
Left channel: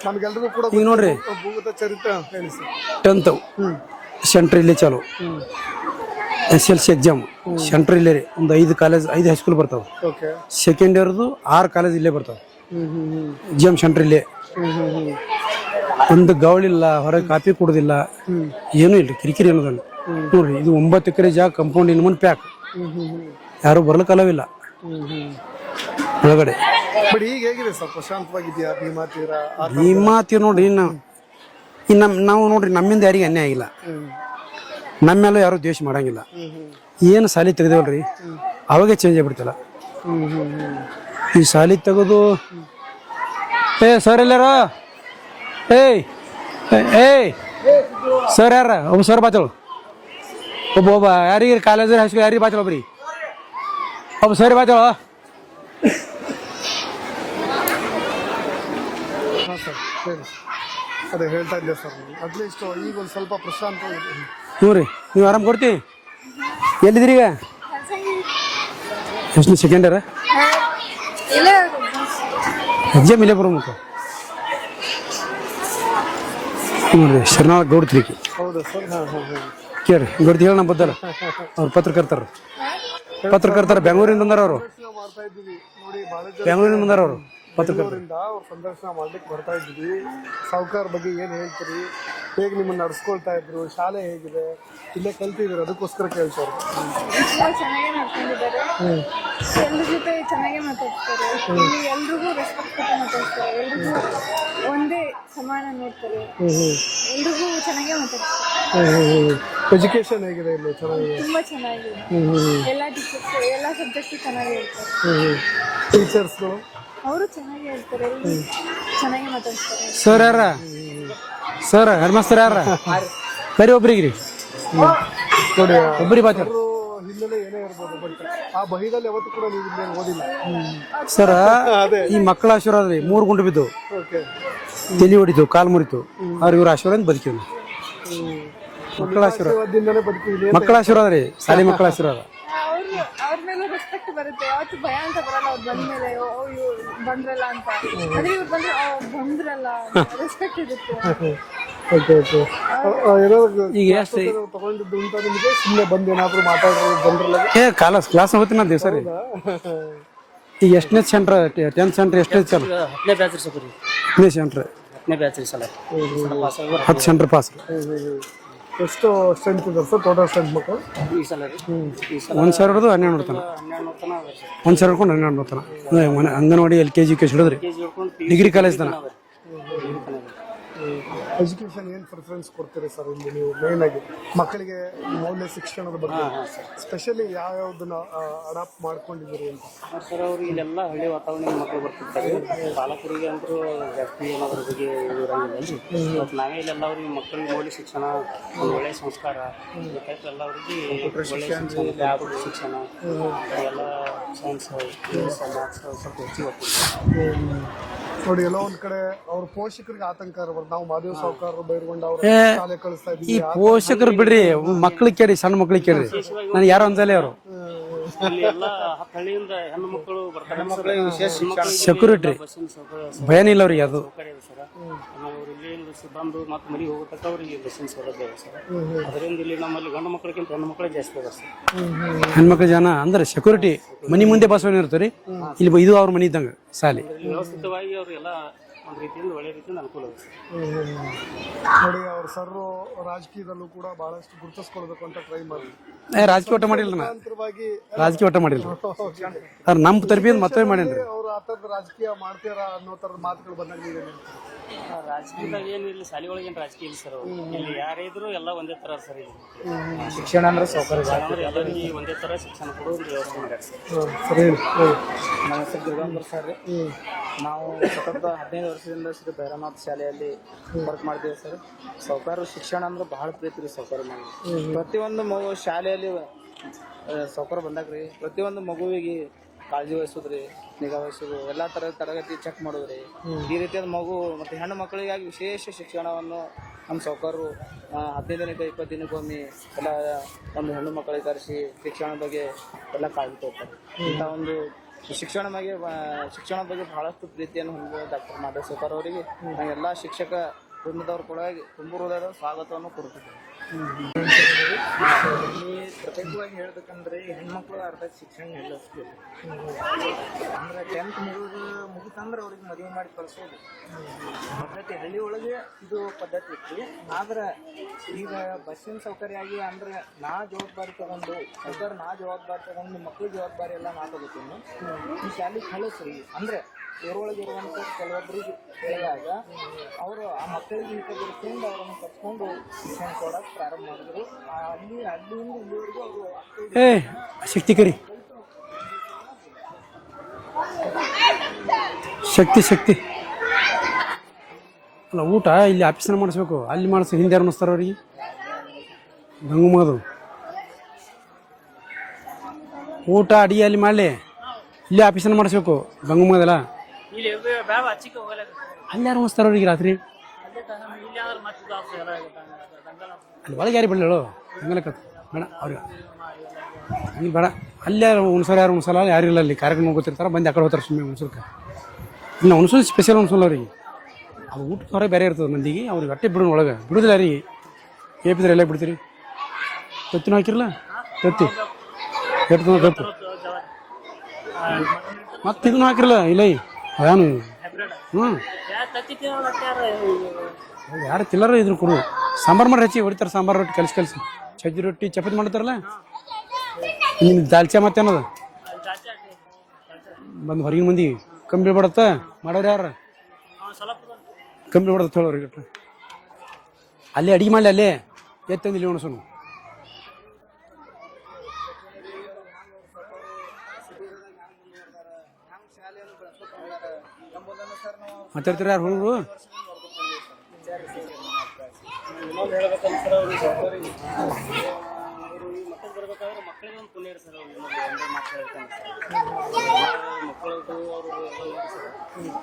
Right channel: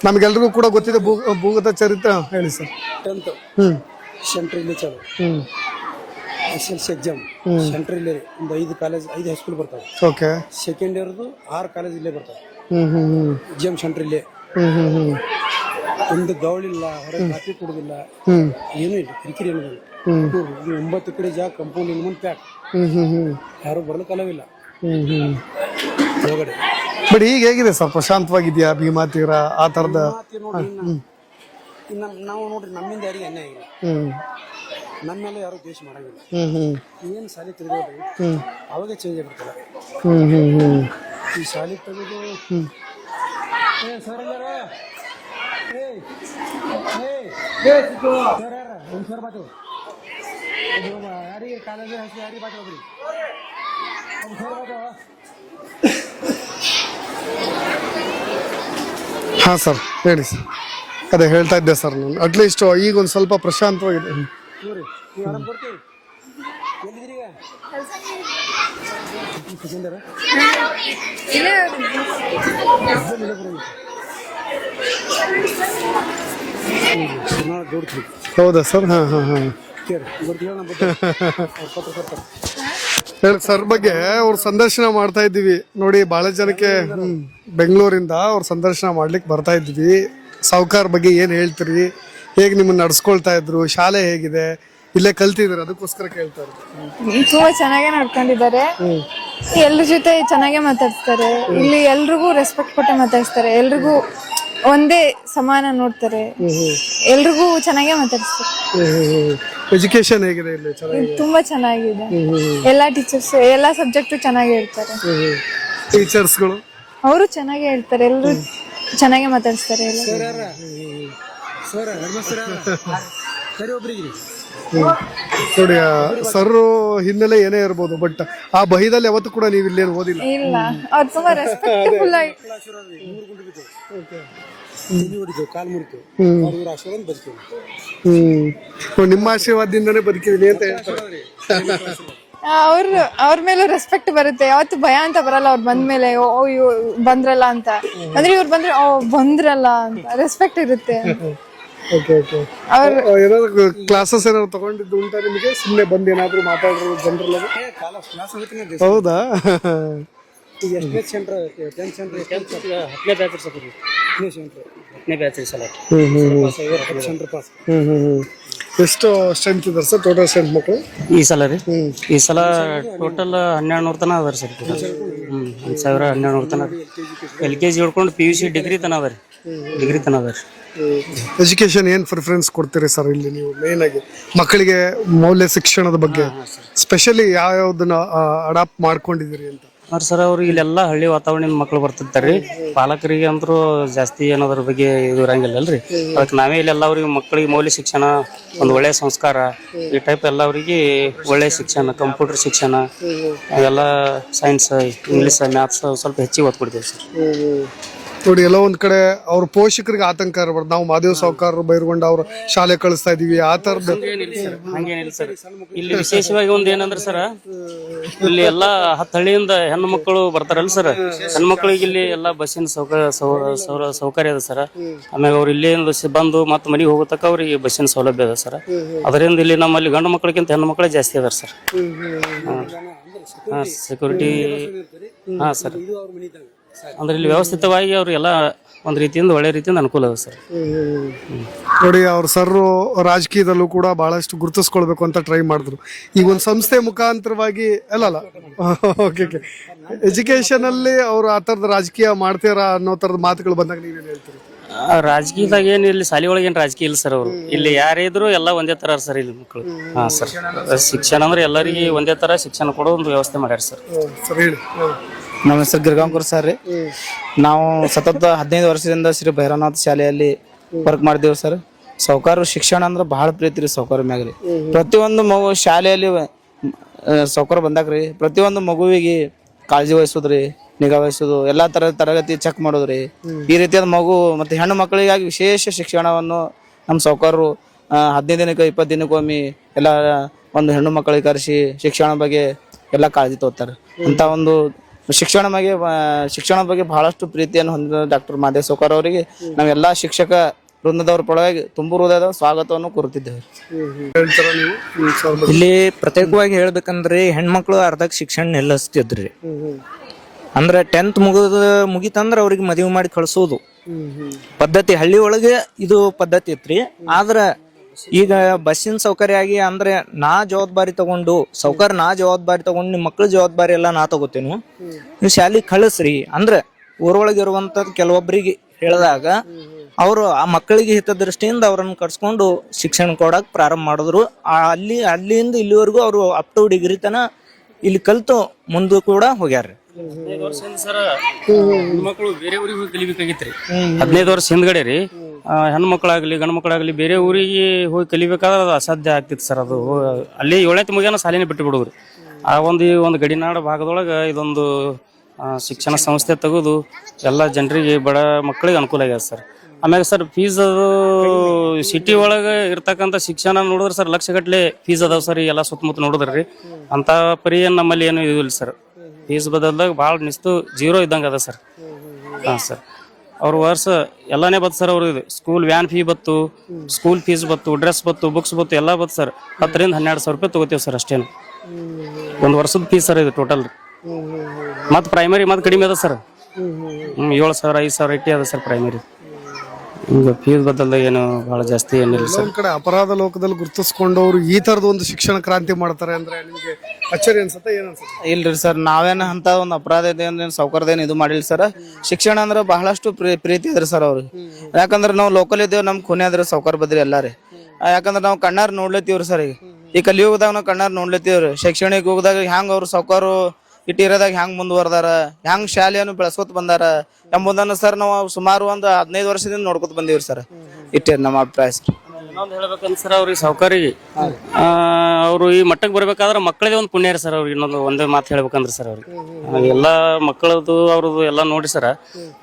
ನಮ್ಗೆಲ್ರಿಗೂ ಕೂಡ ಗೊತ್ತಿರೋ ಭೂಗತ ಚರಿತ್ರೆ. ಹೇಳಿ ಸರ್. 10th ಸೆಂಟ್ರ್ ಇಲ್ಲೇ ಚಾಲು. SLC ಎಕ್ಸಾಮ್ ಸೆಂಟ್ರ್ ಇಲ್ಲೇ ರೀ. ಒಂದು 5 ಕಾಲೇಜ್ 5 ಹೈಸ್ಕೂಲ್ ಬರ್ತಾವೆ. ಓಕೆ. ಸೆಕೆಂಡ್ ಇಯರ್ದು 6 ಕಾಲೇಜ್ ಇಲ್ಲೇ ಬರ್ತಾವೆ. ಎಕ್ಸಾಮ್ ಸೆಂಟ್ರ್ ಇಲ್ಲೇ. ಒಂದು ಗವಳಿಲ್ಲ, ಹೊರಗೆ ಕಾಪಿ ಕೊಡೋದಿಲ್ಲ, ಏನೂ ಇಲ್ಲ. ಕಿರಿಕಿರಿ ಅನ್ನೋದಲ್ಲ ನೋಡ್ರಿ. ಇದು 9 ಎಕರೆ ಜಾಗ, ಕಂಪೌಂಡ್ ಇನ್ನು ಮುಂದೆ ಪ್ಯಾಕ್. ಯಾರು ಬರ್ಲಿಕ್ಕೆ ಅಲವಿಲ್ಲ ಒಳಗಡೆ. ಬಟ್ ಈಗ ಹೇಗಿದೆ ಸರ್? ಪ್ರಶಾಂತವಾಗಿದೆಯಾ ಭೀಮಾ ತೀರ? ಆ ಥರ ಭೀಮಾ ತೀರ ನೋಡ್ರಿ. ನಾವು ನೋಡ್ರಿ ನಮ್ಮಿಂದ ಯಾರಿಗೆ ಅನ್ಯಾಯ ಆಗಿಲ್ಲ. ನಮ್ಮ ಮೇಲೂ ಯಾರು ದ್ವೇಷ ಮಾಡಂಗಿಲ್ಲ. ಏನು ಸಾಲಿ ತೆಗೆದೇವಲ್ರಿ ಅವಾಗೆ ಚೇಂಜ್ ಆಗ್ಬಿಡ್ತಿಲ್ಲ. ಈ ಸಾಲಿ ತೆಗೆದು ಸರ್ ಎಲ್ಲಾರ ಸರ್ ಯಾರ ಒಬ್ಬ ಸರ್ ಬಾತಳು, ಒಬ್ಬ ಯಾರಿಗೆ ಕಾಲೇಜ್ ಹೈಸ್ಕೂಲ್ ಯಾರಿಗೆ ಬಾತಳು, ಒಬ್ಬ ಸರ್ ಬಾತಳು. ಹಾಂ ಸರ್ ಹೇಳಿ ಸರ್. ಅದೇ ಹೇಳ್ತಾ ಇದ್ದೆ ಸರ್ ನಾನು. ಅಟ್ಲೀಸ್ಟ್ ಈಗ ಒಂದು ಸ್ವಲ್ಪ ಪ್ರಶಾಂತವಾಗಿದೆ. ನೋಡ್ರಿ ನೀವು ಆರಾಮ್ ಕೊಡ್ತೀವಿ. ಎಲ್ಲಿದ್ದೀರಿ ಈಗ? ಎಷ್ಟು ಸೆಕೆಂಡ್ ಇಯರ್ ಎಕ್ಸಾಮ್ ಇಲ್ಲೇ ಬರೋ ಮತ್ತೆ ನೋಡ್ರಿ. ಶರಣಾಳ ಗೌಡ್ತಿಗೆ. ಹೌದಾ ಸರ್? ಹಾಂ. ಕೇಳಿ ಗೌಡ್ತಿ ಹೇಳ ನಮ್ಮ ಬದ್ದ ಅವ್ರು ಪತ್ರಕರ್ತರ ಸಂದರ್ಶನ ಮಾಡ್ತಾ ಇದ್ದೀವಿ ನೋಡಿ. ಬಹಳ ಜನಕ್ಕೆ ಬೆಂಗಳೂರಿಂದ ಅವ್ರ ಸಂದರ್ಶನ ಮಾಡ್ಲಿಕ್ಕೆ ಬರ್ತಾ ಇದ್ವಿ. ಸಾವ್ಕಾರ್ ಬಗ್ಗೆ ಏನು ಹೇಳ್ತೀರಿ? ಹೇಗೆ ನಿಮ್ಮನ್ನ ನಡ್ಸ್ಕೊಳ್ತಾ ಇದ್ರು? ಶಾಲೆ ಹೇಗಿದೆ? ಇಲ್ಲೇ ಕಲ್ತಿದ್ರು, ಅದಕ್ಕೋಸ್ಕರ ಕೇಳ್ತಾರೆ. ತುಂಬಾ ಚೆನ್ನಾಗೇ ನಡ್ಕೊಂಡಿದ್ದಾರೆ. ಎಲ್ರ ಜೊತೆ ಚೆನ್ನಾಗೇ ಮಾತಾಡ್ತಾರೆ. ಇಲ್ಲಿ ಎಲ್ರಿಗೂ ರೆಸ್ಪೆಕ್ಟ್ ಕೊಟ್ಟು ಮಾತಾಡಿಸ್ತಾರೆ. ಎಲ್ರಿಗೂ ಒಂದೇ ಸಮಾನ ನೋಡ್ತಾರೆ. ಎಲ್ರಿಗೂ ಚೆನ್ನಾಗೇ ಮಾತಾಡಿಸ್ತಾರೆ. ಎಜುಕೇಶನ್ ಹೇಗಿದೆ ಇಲ್ಲಿ? ತುಂಬಾ ಚೆನ್ನಾಗಿದೆ. ಎಲ್ಲಾ ಟೀಚರ್ಸ್ ಎಲ್ಲಾ ಸಬ್ಜೆಕ್ಟ್ ಚೆನ್ನಾಗಿ ಹೇಳ್ತಾರೆ. ಟೀಚರ್ಸ್ಗಳು ಅವರು ಚೆನ್ನಾಗೇ ಹೇಳ್ತಾರೆ. ಎಲ್ರು ಚೆನ್ನಾಗೇ ಮಾತಾಡಿಸ್ತಾರೆ. ಸರ್ ಯಾರ? ಸರ್ ಹೆಡ್ ಮಾಸ್ತರ್ ಯಾರ? ಕರಿ ಒಬ್ರಿಗೆ ರೀ ನೋಡಿ. ಸರ್ ಹಿನ್ನೆಲೆ ಏನೇ ಇರ್ಬೋದು, ಬಟ್ ಆ ಬಹಿದಲ್ಲಿ ಯಾವತ್ತೂ ಕೂಡ ನೀವು ಇಲ್ಲೇನು ಓದಿಲ್ಲ. ಸರ್ ಮಕ್ಕಳ ಆಶೀರ್ವಾದ ರೀ. 3 ಗುಂಡು ಬಿದ್ದು, ತಲೆ ಹೊಡಿತು, ಕಾಲು ಮುರಿತು. ಅವ್ರ ಇವ್ರ ಆಶೀರ್ವಾದ ಬದುಕಿವಿ. ನಿಮ್ಮ ಆಶೀರ್ವಾದದಿಂದನೇ ಬದುಕಿದೀನಿ. ಮಕ್ಕಳ ಆಶೀರ್ವಾದ ರೀ. ಸಾಲಿ ಮಕ್ಕಳ ಆಶೀರ್ವಾದ. ಅವ್ರ ಮೇಲೆ ರೆಸ್ಪೆಕ್ಟ್ ಬರುತ್ತೆ. ಯಾವತ್ತು ಭಯ ಅಂತ ಬರಲ್ಲ. ಅವ್ರು ಬಂದ್ಮೇಲೆ ಬಂದ್ರಲ್ಲ ಅಂತ, ಅಂದ್ರೆ ಇವ್ರು ಬಂದ್ರೆ ಬಂದ್ರಲ್ಲ ಅಂತ ರೆಸ್ಪೆಕ್ಟ್ ಇರುತ್ತೆ. ಕ್ಲಾಸಸ್ ಏನಾದ್ರು ತಗೊಂಡಿದ್ದು ಉಂಟಾ ನಿಮಗೆ? ಸುಮ್ಮನೆ ಬಂದು ಏನಾದ್ರು ಮಾತಾಡೋದು ಜನರಲ್ಲ? ಕ್ಲಾಸ್ ಹೋಗ್ತೀನಿ ನಾನು. ಹೌದಾ? ಈಗ ಎಷ್ಟನೇ ಸೆಂಟ್ರ್? 10th ಸೆಂಟ್ರ್ ಎಷ್ಟನೇ ಸರ್? 10ನೇ ಬ್ಯಾಚ್ ಸರ್. 10ನೇ ಸೆಂಟ್ರ್ 10ನೇ ಬ್ಯಾಚ್ ಸಲ 10 ಸೆಂಟ್ರ್ ಪಾಸ್. ಎಷ್ಟು ಸ್ಟ್ರೆಂತ್ ಇದೆ ಸರ್ ಟೋಟಲ್ ಸ್ಟ್ರೆಂತ್ ಮಕ್ಕಳು ಈ ಸಲ ರೀ? ಈ ಸಲ 1200 ತನ ಅದಾರ ಸರ್. 1,000 ಹಿಡ್ಕೊಂಡು 1200 ತನ. ಅಂಗನವಾಡಿ LKG LKG ಹಿಡ್ಕೊಂಡು PUC ಡಿಗ್ರಿ ತನ ಅದ ರೀ. ಡಿಗ್ರಿ ತನ ಅದ ರೀ. ಎಜುಕೇಶನ್ ಏನು ಪ್ರಿಫರೆನ್ಸ್ ಕೊಡ್ತೀರಿ ಸರ್ ಇಲ್ಲಿ ನೀವು? ಮೇನ್ ಆಗಿ ಮಕ್ಕಳಿಗೆ ಮೌಲ್ಯ ಶಿಕ್ಷಣದ ಬಗ್ಗೆ ಸ್ಪೆಷಲಿ ಯಾವ್ಯಾವ್ದನ್ನ ಅಡಾಪ್ಟ್ ಮಾಡ್ಕೊಂಡಿದ್ದೀರಿ ಅಂತ? ಸರ್ ಅವ್ರು ಇಲ್ಲೆಲ್ಲ ಹಳ್ಳಿ ವಾತಾವರಣದ ಮಕ್ಳು ಬರ್ತಿರ್ತಾರ್ರಿ. ಪಾಲಕರಿಗೆ ಅಂದ್ರೂ ಜಾಸ್ತಿ ಏನೋದ್ರ ಬಗ್ಗೆ ಇದು ಇರಂಗಿಲ್ಲ ಅಲ್ರಿ. ಅದಕ್ಕೆ ನಾವೇ ಇಲ್ಲೆಲ್ಲ ಅವ್ರಿಗೆ ಮಕ್ಕಳಿಗೆ ಮೌಲ್ಯ ಶಿಕ್ಷಣ, ಒಂದು ಒಳ್ಳೆಯ ಸಂಸ್ಕಾರ, ಈ ಟೈಪ್ ಎಲ್ಲ ಅವ್ರಿಗೆ ಒಳ್ಳೆಯ ಶಿಕ್ಷಣ, ಕಂಪ್ಯೂಟರ್ ಶಿಕ್ಷಣ, ಎಲ್ಲ ಸೈನ್ಸ್, ಇಂಗ್ಲೀಷ್, ಮ್ಯಾಥ್ಸ್ ಸ್ವಲ್ಪ ಹೆಚ್ಚಿಗೆ ಒತ್ತು ಕೊಡ್ತೀವಿ ಸರ್. ನೋಡಿ ಎಲ್ಲ ಒಂದ್ ಕಡೆ ಅವ್ರ ಪೋಷಕರಿಗೆ ಆತಂಕ ಇರಬಾರ್ದು. ನಾವು ಮಾದೇವ್ ಸಾವ್ಕಾರ ಬೈರ್ಗೊಂಡು ಅವ್ರ ಶಾಲೆ ಕಳಿಸ್ತಾ ಇದೀವಿ ಆ ತರ ಪೋಷಕರು ಬಿಡ್ರಿ, ಮಕ್ಳಿಗೆ ಕೇಳಿ, ಸಣ್ಣ ಮಕ್ಳಿಗೆ ಕೇಳಿ. ವಿಶೇಷವಾಗಿ ಒಂದು ಏನಂದ್ರೆ ಸರ್, ಇಲ್ಲಿ ಎಲ್ಲಾ 10 ಹಳ್ಳಿಯಿಂದ ಹೆಣ್ಣು ಮಕ್ಕಳು ಬರ್ತಾರಲ್ಲ ಸರ್, ಹೆಣ್ಣು ಮಕ್ಕಳಿಗೆ ಇಲ್ಲಿ ಎಲ್ಲ ಬಸ್ಸಿನ ಸೌಕರ್ಯ ಅದ ಸರ್. ಆಮೇಲೆ ಅವ್ರು ಇಲ್ಲಿ ಬಂದು ಮತ್ತೆ ಮನೆಗೆ ಹೋಗೋ ತಕ್ಕ ಅವ್ರಿಗೆ ಬಸ್ಸಿನ ಸೌಲಭ್ಯ ಅದ ಸರ್. ಅದರಿಂದ ಇಲ್ಲಿ ನಮ್ಮಲ್ಲಿ ಗಂಡು ಮಕ್ಕಳಿಗಿಂತ ಹೆಣ್ಣು ಮಕ್ಕಳೇ ಜಾಸ್ತಿ ಅದಾರ ಸರ್. ಹೆಣ್ಮಕ್ಳು ಜನ ಅಂದ್ರೆ ಸೆಕ್ಯೂರಿಟಿ ಮನಿ ಮುಂದೆ ಬಸ್ ಇರ್ತಾರೆ, ಇದು ಅವ್ರ ಮನಿ ಇದ್ದಂಗ ಸಾಲಿ. ಅಂದ್ರೆ ಇಲ್ಲಿ ವ್ಯವಸ್ಥಿತವಾಗಿ ಅವ್ರು ಎಲ್ಲ ಒಂದ್ ರೀತಿಯಿಂದ ಒಳ್ಳೆ ರೀತಿಯಿಂದ ಅನುಕೂಲ ಅದ ಸರ್. ನೋಡಿ ಅವ್ರ ಸರ್ ರಾಜಕೀಯದಲ್ಲೂ ಕೂಡ ಬಹಳಷ್ಟು ಗುರುತಿಸ್ಕೊಳ್ಬೇಕು ಅಂತ ಟ್ರೈ ಮಾಡಿದ್ರು. ಈ ಒಂದ್ ಸಂಸ್ಥೆ ಮುಖಾಂತರವಾಗಿ ಎಜುಕೇಶನ್ ಅಲ್ಲಿ ಅವ್ರು ಆ ತರದ ರಾಜಕೀಯ ಮಾಡ್ತಾರ ಅನ್ನೋ ತರದ ಮಾತುಗಳು ಬಂದಾಗ ನೀವೇನ್ ಹೇಳ್ತೀರಿ? ರಾಜಕೀಯದಾಗ ಏನು ಇಲ್ಲಿ ಶಾಲೆ ಒಳಗೆ ಏನು ರಾಜಕೀಯ ಇಲ್ಲ ಸರ್. ಅವರು ಇಲ್ಲಿ ಯಾರೇ ಇದ್ರು ಎಲ್ಲ ಒಂದೇ ತರ ಸರ್ ಇಲ್ಲಿ ಮಕ್ಕಳು. ಹಾ ಸರ್, ಶಿಕ್ಷಣ ಅಂದ್ರೆ ಎಲ್ಲರಿಗೆ ಒಂದೇ ತರ ಶಿಕ್ಷಣ ಕೊಡೋ ಒಂದು ವ್ಯವಸ್ಥೆ ಮಾಡ್ಯಾರ ಸರ್. ನಮ್ಮ ಹೆಸರು ಗಿರ್ಗಾಂಕರ್ ಸರ್ ರೀ. ನಾವು ಸತತ 15 ವರ್ಷದಿಂದ ಶ್ರೀ ಭೈರವನಾಥ್ ಶಾಲೆಯಲ್ಲಿ ವರ್ಕ್ ಮಾಡಿದ್ದೇವೆ ಸರ್. ಸಾವ್ಕಾರ ಶಿಕ್ಷಣ ಅಂದ್ರೆ ಬಹಳ ಪ್ರೀತಿ ರೀ ಸಾವ್ಕಾರ ಮ್ಯಾಗ ರೀ. ಪ್ರತಿಯೊಂದು ಮಗು ಶಾಲೆಯಲ್ಲಿ ಸಾವ್ಕಾರ ಬಂದಾಗ್ರಿ ಪ್ರತಿಯೊಂದು ಮಗುವಿಗೆ ಕಾಳಜಿ ವಹಿಸೋದ್ರಿ, ನಿಗಾ ವಹಿಸೋದು, ಎಲ್ಲಾ ತರದ ತರಗತಿ ಚೆಕ್ ಮಾಡೋದ್ರಿ. ಈ ರೀತಿಯಾದ ಮಗು ಮತ್ತೆ ಹೆಣ್ಣು ಮಕ್ಕಳಿಗಾಗಿ ವಿಶೇಷ ಶಿಕ್ಷಣವನ್ನು ನಮ್ಮ ಸಾವ್ಕಾರರು 15 ದಿನಕ್ಕೆ 20 ದಿನಕ್ಕೊಮ್ಮೆ ಎಲ್ಲ ಒಂದು ಹೆಣ್ಣು ಮಕ್ಕಳಿಗೆ ಕರೆಸಿ ಶಿಕ್ಷಣ ಬಗ್ಗೆ ಎಲ್ಲ ಕಾಳಜಿ ತಗೋತಾರೆ. ಅಂತ ಒಂದು ಶಿಕ್ಷಣ ಬಗ್ಗೆ ಬಹಳಷ್ಟು ಪ್ರೀತಿಯನ್ನು ಹೊಂದಿದ ಡಾಕ್ಟರ್ ಮಾದೇವ್ ಸಾವ್ಕಾರ ಅವರಿಗೆ ನಾವೆಲ್ಲ ಶಿಕ್ಷಕ ವೃಂದದವ್ರ ಪರವಾಗಿ ತುಂಬು ಹೃದಯದ ಸ್ವಾಗತವನ್ನು ಕೋರುತ್ತಿದ್ದೇವೆ. ಇಲ್ಲಿ ಪ್ರತ್ಯೇಕವಾಗಿ ಹೇಳ್ಬೇಕಂದ್ರೆ ಹೆಣ್ಮಕ್ಳು ಅರ್ಧಕ್ಕೆ ಶಿಕ್ಷಣ ನಿಲ್ಲಿಸ್ತಿದ್ರಿ. ಅಂದ್ರೆ 10th ಮುಗಿತಂದ್ರೆ ಅವ್ರಿಗೆ ಮದುವೆ ಮಾಡಿ ಕಳ್ಸೋದು ಪದ್ಧತಿ ಹಳ್ಳಿ ಒಳಗೆ ಇದು ಪದ್ಧತಿ ಇತ್ರಿ. ಆದ್ರೆ ಈಗ ಬಸ್ಸಿನ ಸೌಕರ್ಯ ಆಗಿ ಅಂದ್ರೆ ನಾ ಜವಾಬ್ದಾರಿ ತಗೊಂಡು ನಿಮ್ಮ ಮಕ್ಳ ಜವಾಬ್ದಾರಿ ಎಲ್ಲ ನಾ ತಗೋತೇನು, ನೀವು ಶಾಲೆಗೆ ಕಳಿಸ್ರಿ ಅಂದ್ರೆ ಊರೊಳಗಿರುವಂಥದ್ದು ಕೆಲವೊಬ್ಬರಿಗೆ ಹೇಳಿದಾಗ ಅವರು ಆ ಮಕ್ಕಳಿಗೆ ಹಿತದೃಷ್ಟಿಯಿಂದ ಅವ್ರನ್ನ ಕರ್ಸ್ಕೊಂಡು ಶಿಕ್ಷಣ ಕೊಡಕ್ ಪ್ರಾರಂಭ ಮಾಡಿದ್ರು. ಅಲ್ಲಿಂದ ಇಲ್ಲಿವರೆಗೂ ಅವರು ಅಪ್ ಟು ಡಿಗ್ರಿ ತನ ಇಲ್ಲಿ ಕಲ್ತು ಮುಂದೆ ಕೂಡ ಹೋಗ್ಯಾರ. 15 ವರ್ಷ ಹಿಂದ್ಗಡೆ ರೀ ಹೆಣ್ಮಕ್ಳಾಗ್ಲಿ ಗಂಡು ಮಕ್ಕಳಾಗ್ಲಿ ಬೇರೆ ಊರಿಗೆ ಹೋಗಿ ಕಲಿಬೇಕಾದ್ರೆ ಅದು ಅಸಾಧ್ಯ ಆಗ್ತಿತ್ತು ಸರ್. ಅಲ್ಲಿ 7ನೇ ಮುಗಿಯನ ಶಾಲೆನೇ ಬಿಟ್ಟು ಬಿಡುವ್ರಿ. ಆ ಒಂದು ಇದೊಂದು ಶಿಕ್ಷಣ ಸಂಸ್ಥೆ ತೆಗೆದು ಎಲ್ಲ ಜನರಿಗೆ ಬಡ ಮಕ್ಕಳಿಗೆ ಅನುಕೂಲ ಆಗಿದೆ ಸರ್. ಆಮೇಲೆ ಸರ್ ಫೀಸ್ ಅದು ಸಿಟಿ ಒಳಗೆ ಇರ್ತಕ್ಕಂಥ ಶಿಕ್ಷಣ ನೋಡಿದ್ರೆ ಸರ್ ಲಕ್ಷಗಟ್ಲೆ ಫೀಸ್ ಅದಾವ ಸರ್. ಎಲ್ಲ ಸುತ್ತಮುತ್ತ ನೋಡಿದ್ರಿ ಅಂತ ಪರಿ ನಮ್ಮಲ್ಲಿ ಏನು ಬಹಳ ಜೀರೋ ಇದ್ದಂಗ ಅದ ಸರ್. ಅವ್ರ ವರ್ಷ ಎಲ್ಲಾನೇ ಬತ್ತು ಸರ್. ಅವ್ರಿಗೆ ಸ್ಕೂಲ್ ವ್ಯಾನ್ ಫೀ ಬತ್ತು, ಸ್ಕೂಲ್ ಫೀಸ್ ಬತ್ತು, ಡ್ರೆಸ್ ಬತ್ತು, ಬುಕ್ಸ್ ಬತ್ತು, ಎಲ್ಲ ಬತ್ತು ಸರ್. 10 ರಿಂದ 12 ಸಾವಿರ ರೂಪಾಯಿ ತಗೋತೀವಿ ಸರ್ ಅಷ್ಟೇ. ಒಂದು ವರ್ಷದ ಫೀಸ್ ಸರ್ ಇದು ಟೋಟಲ್. ಮತ್ ಪ್ರೈಮರಿ ಮತ್ ಕಡಿಮೆ ಅದ ಸರ್. 7,000 5,000 ಇಟ್ಟಿ ಅದ ಸರ್ ಪ್ರೈಮರಿ. ಈಗ ಫೀಸ್ ಬದಲ ಏನು ಜಾಸ್ತಿ ಏನಿಲ್ಲ ಸರ್. ಗುರುತಿಸ್ಕೊಂಡವ್ರು ಈ ತರದ ಒಂದು ಶಿಕ್ಷಣ ಕ್ರಾಂತಿ ಮಾಡ್ತಾರೆ ಅಂದ್ರೆ ಇಲ್ರಿ ಸರ್, ನಾವೇನ ಅಂತ ಒಂದು ಅಪರಾಧ ಇದೆ ಸೌಕರ್ಯದೇನು ಇದು ಮಾಡಿಲ್ಲ ಸರ್. ಶಿಕ್ಷಣ ಅಂದ್ರೆ ಬಹಳಷ್ಟು ಪ್ರೀತಿ ಇದ್ರಿ ಸರ್ ಅವ್ರಿಗೆ. ಯಾಕಂದ್ರೆ ನಾವು ಲೋಕಲ್ ಇದ್ದೇವೆ, ನಮ್ ಖುನೆ ಆದ್ರೆ ಸೌಕರ್ ಬದ್ರಿ ಎಲ್ಲ. ಯಾಕಂದ್ರೆ ನಾವು ಕಣ್ಣಾರ ನೋಡ್ಲತ್ತೀವ್ರಿ ಸರ್. ಈ ಕಲಿಯುಗದಾಗ ನಾವು ಕಣ್ಣಾರ ನೋಡ್ಲತ್ತೀವ್ರಿ. ಶೈಕ್ಷಣಿಕ ಹೋಗದಾಗ ಹೆಂಗ್ ಅವ್ರು ಸೌಕರು ಇಟ್ಟಿರೋದಾಗ ಹೆಂಗ್ ಮುಂದುವರ್ದಾರ, ಹೆಂಗ್ ಶಾಲೆಯನ್ನು ಬೆಳೆಸ್ಕೊತ ಬಂದಾರ ಎಂಬುದನ್ನು ಸರ್ ನಾವು ಸುಮಾರು ಒಂದು 15 ವರ್ಷದಿಂದ ನೋಡ್ಕೊತ ಬಂದೀವ್ರಿ ಸರ್. ಇಟ್ಟೇ ನಮ್ಮ ಅಭಿಪ್ರಾಯ ಸರ್. ಹೇಳ್ಬೇಕಂದ್ರೆ ಸರ್ ಅವ್ರಿಗೆ ಸೌಕರ್ಯ ಅವ್ರು ಈ ಮಟ್ಟಕ್ಕೆ ಬರ್ಬೇಕಾದ್ರೆ ಮಕ್ಕಳದೇ ಒಂದು ಪುಣ್ಯ ಸರ್. ಅವ್ರಿಗೆ ಇನ್ನೊಂದು ಒಂದೇ ಮಾತು ಹೇಳ್ಬೇಕಂದ್ರೆ ಸರ್ ಅವ್ರಿಗೆ ಎಲ್ಲ ಮಕ್ಕಳದು ಅವ್ರದ್ದು ಎಲ್ಲ ನೋಡಿ ಸರ್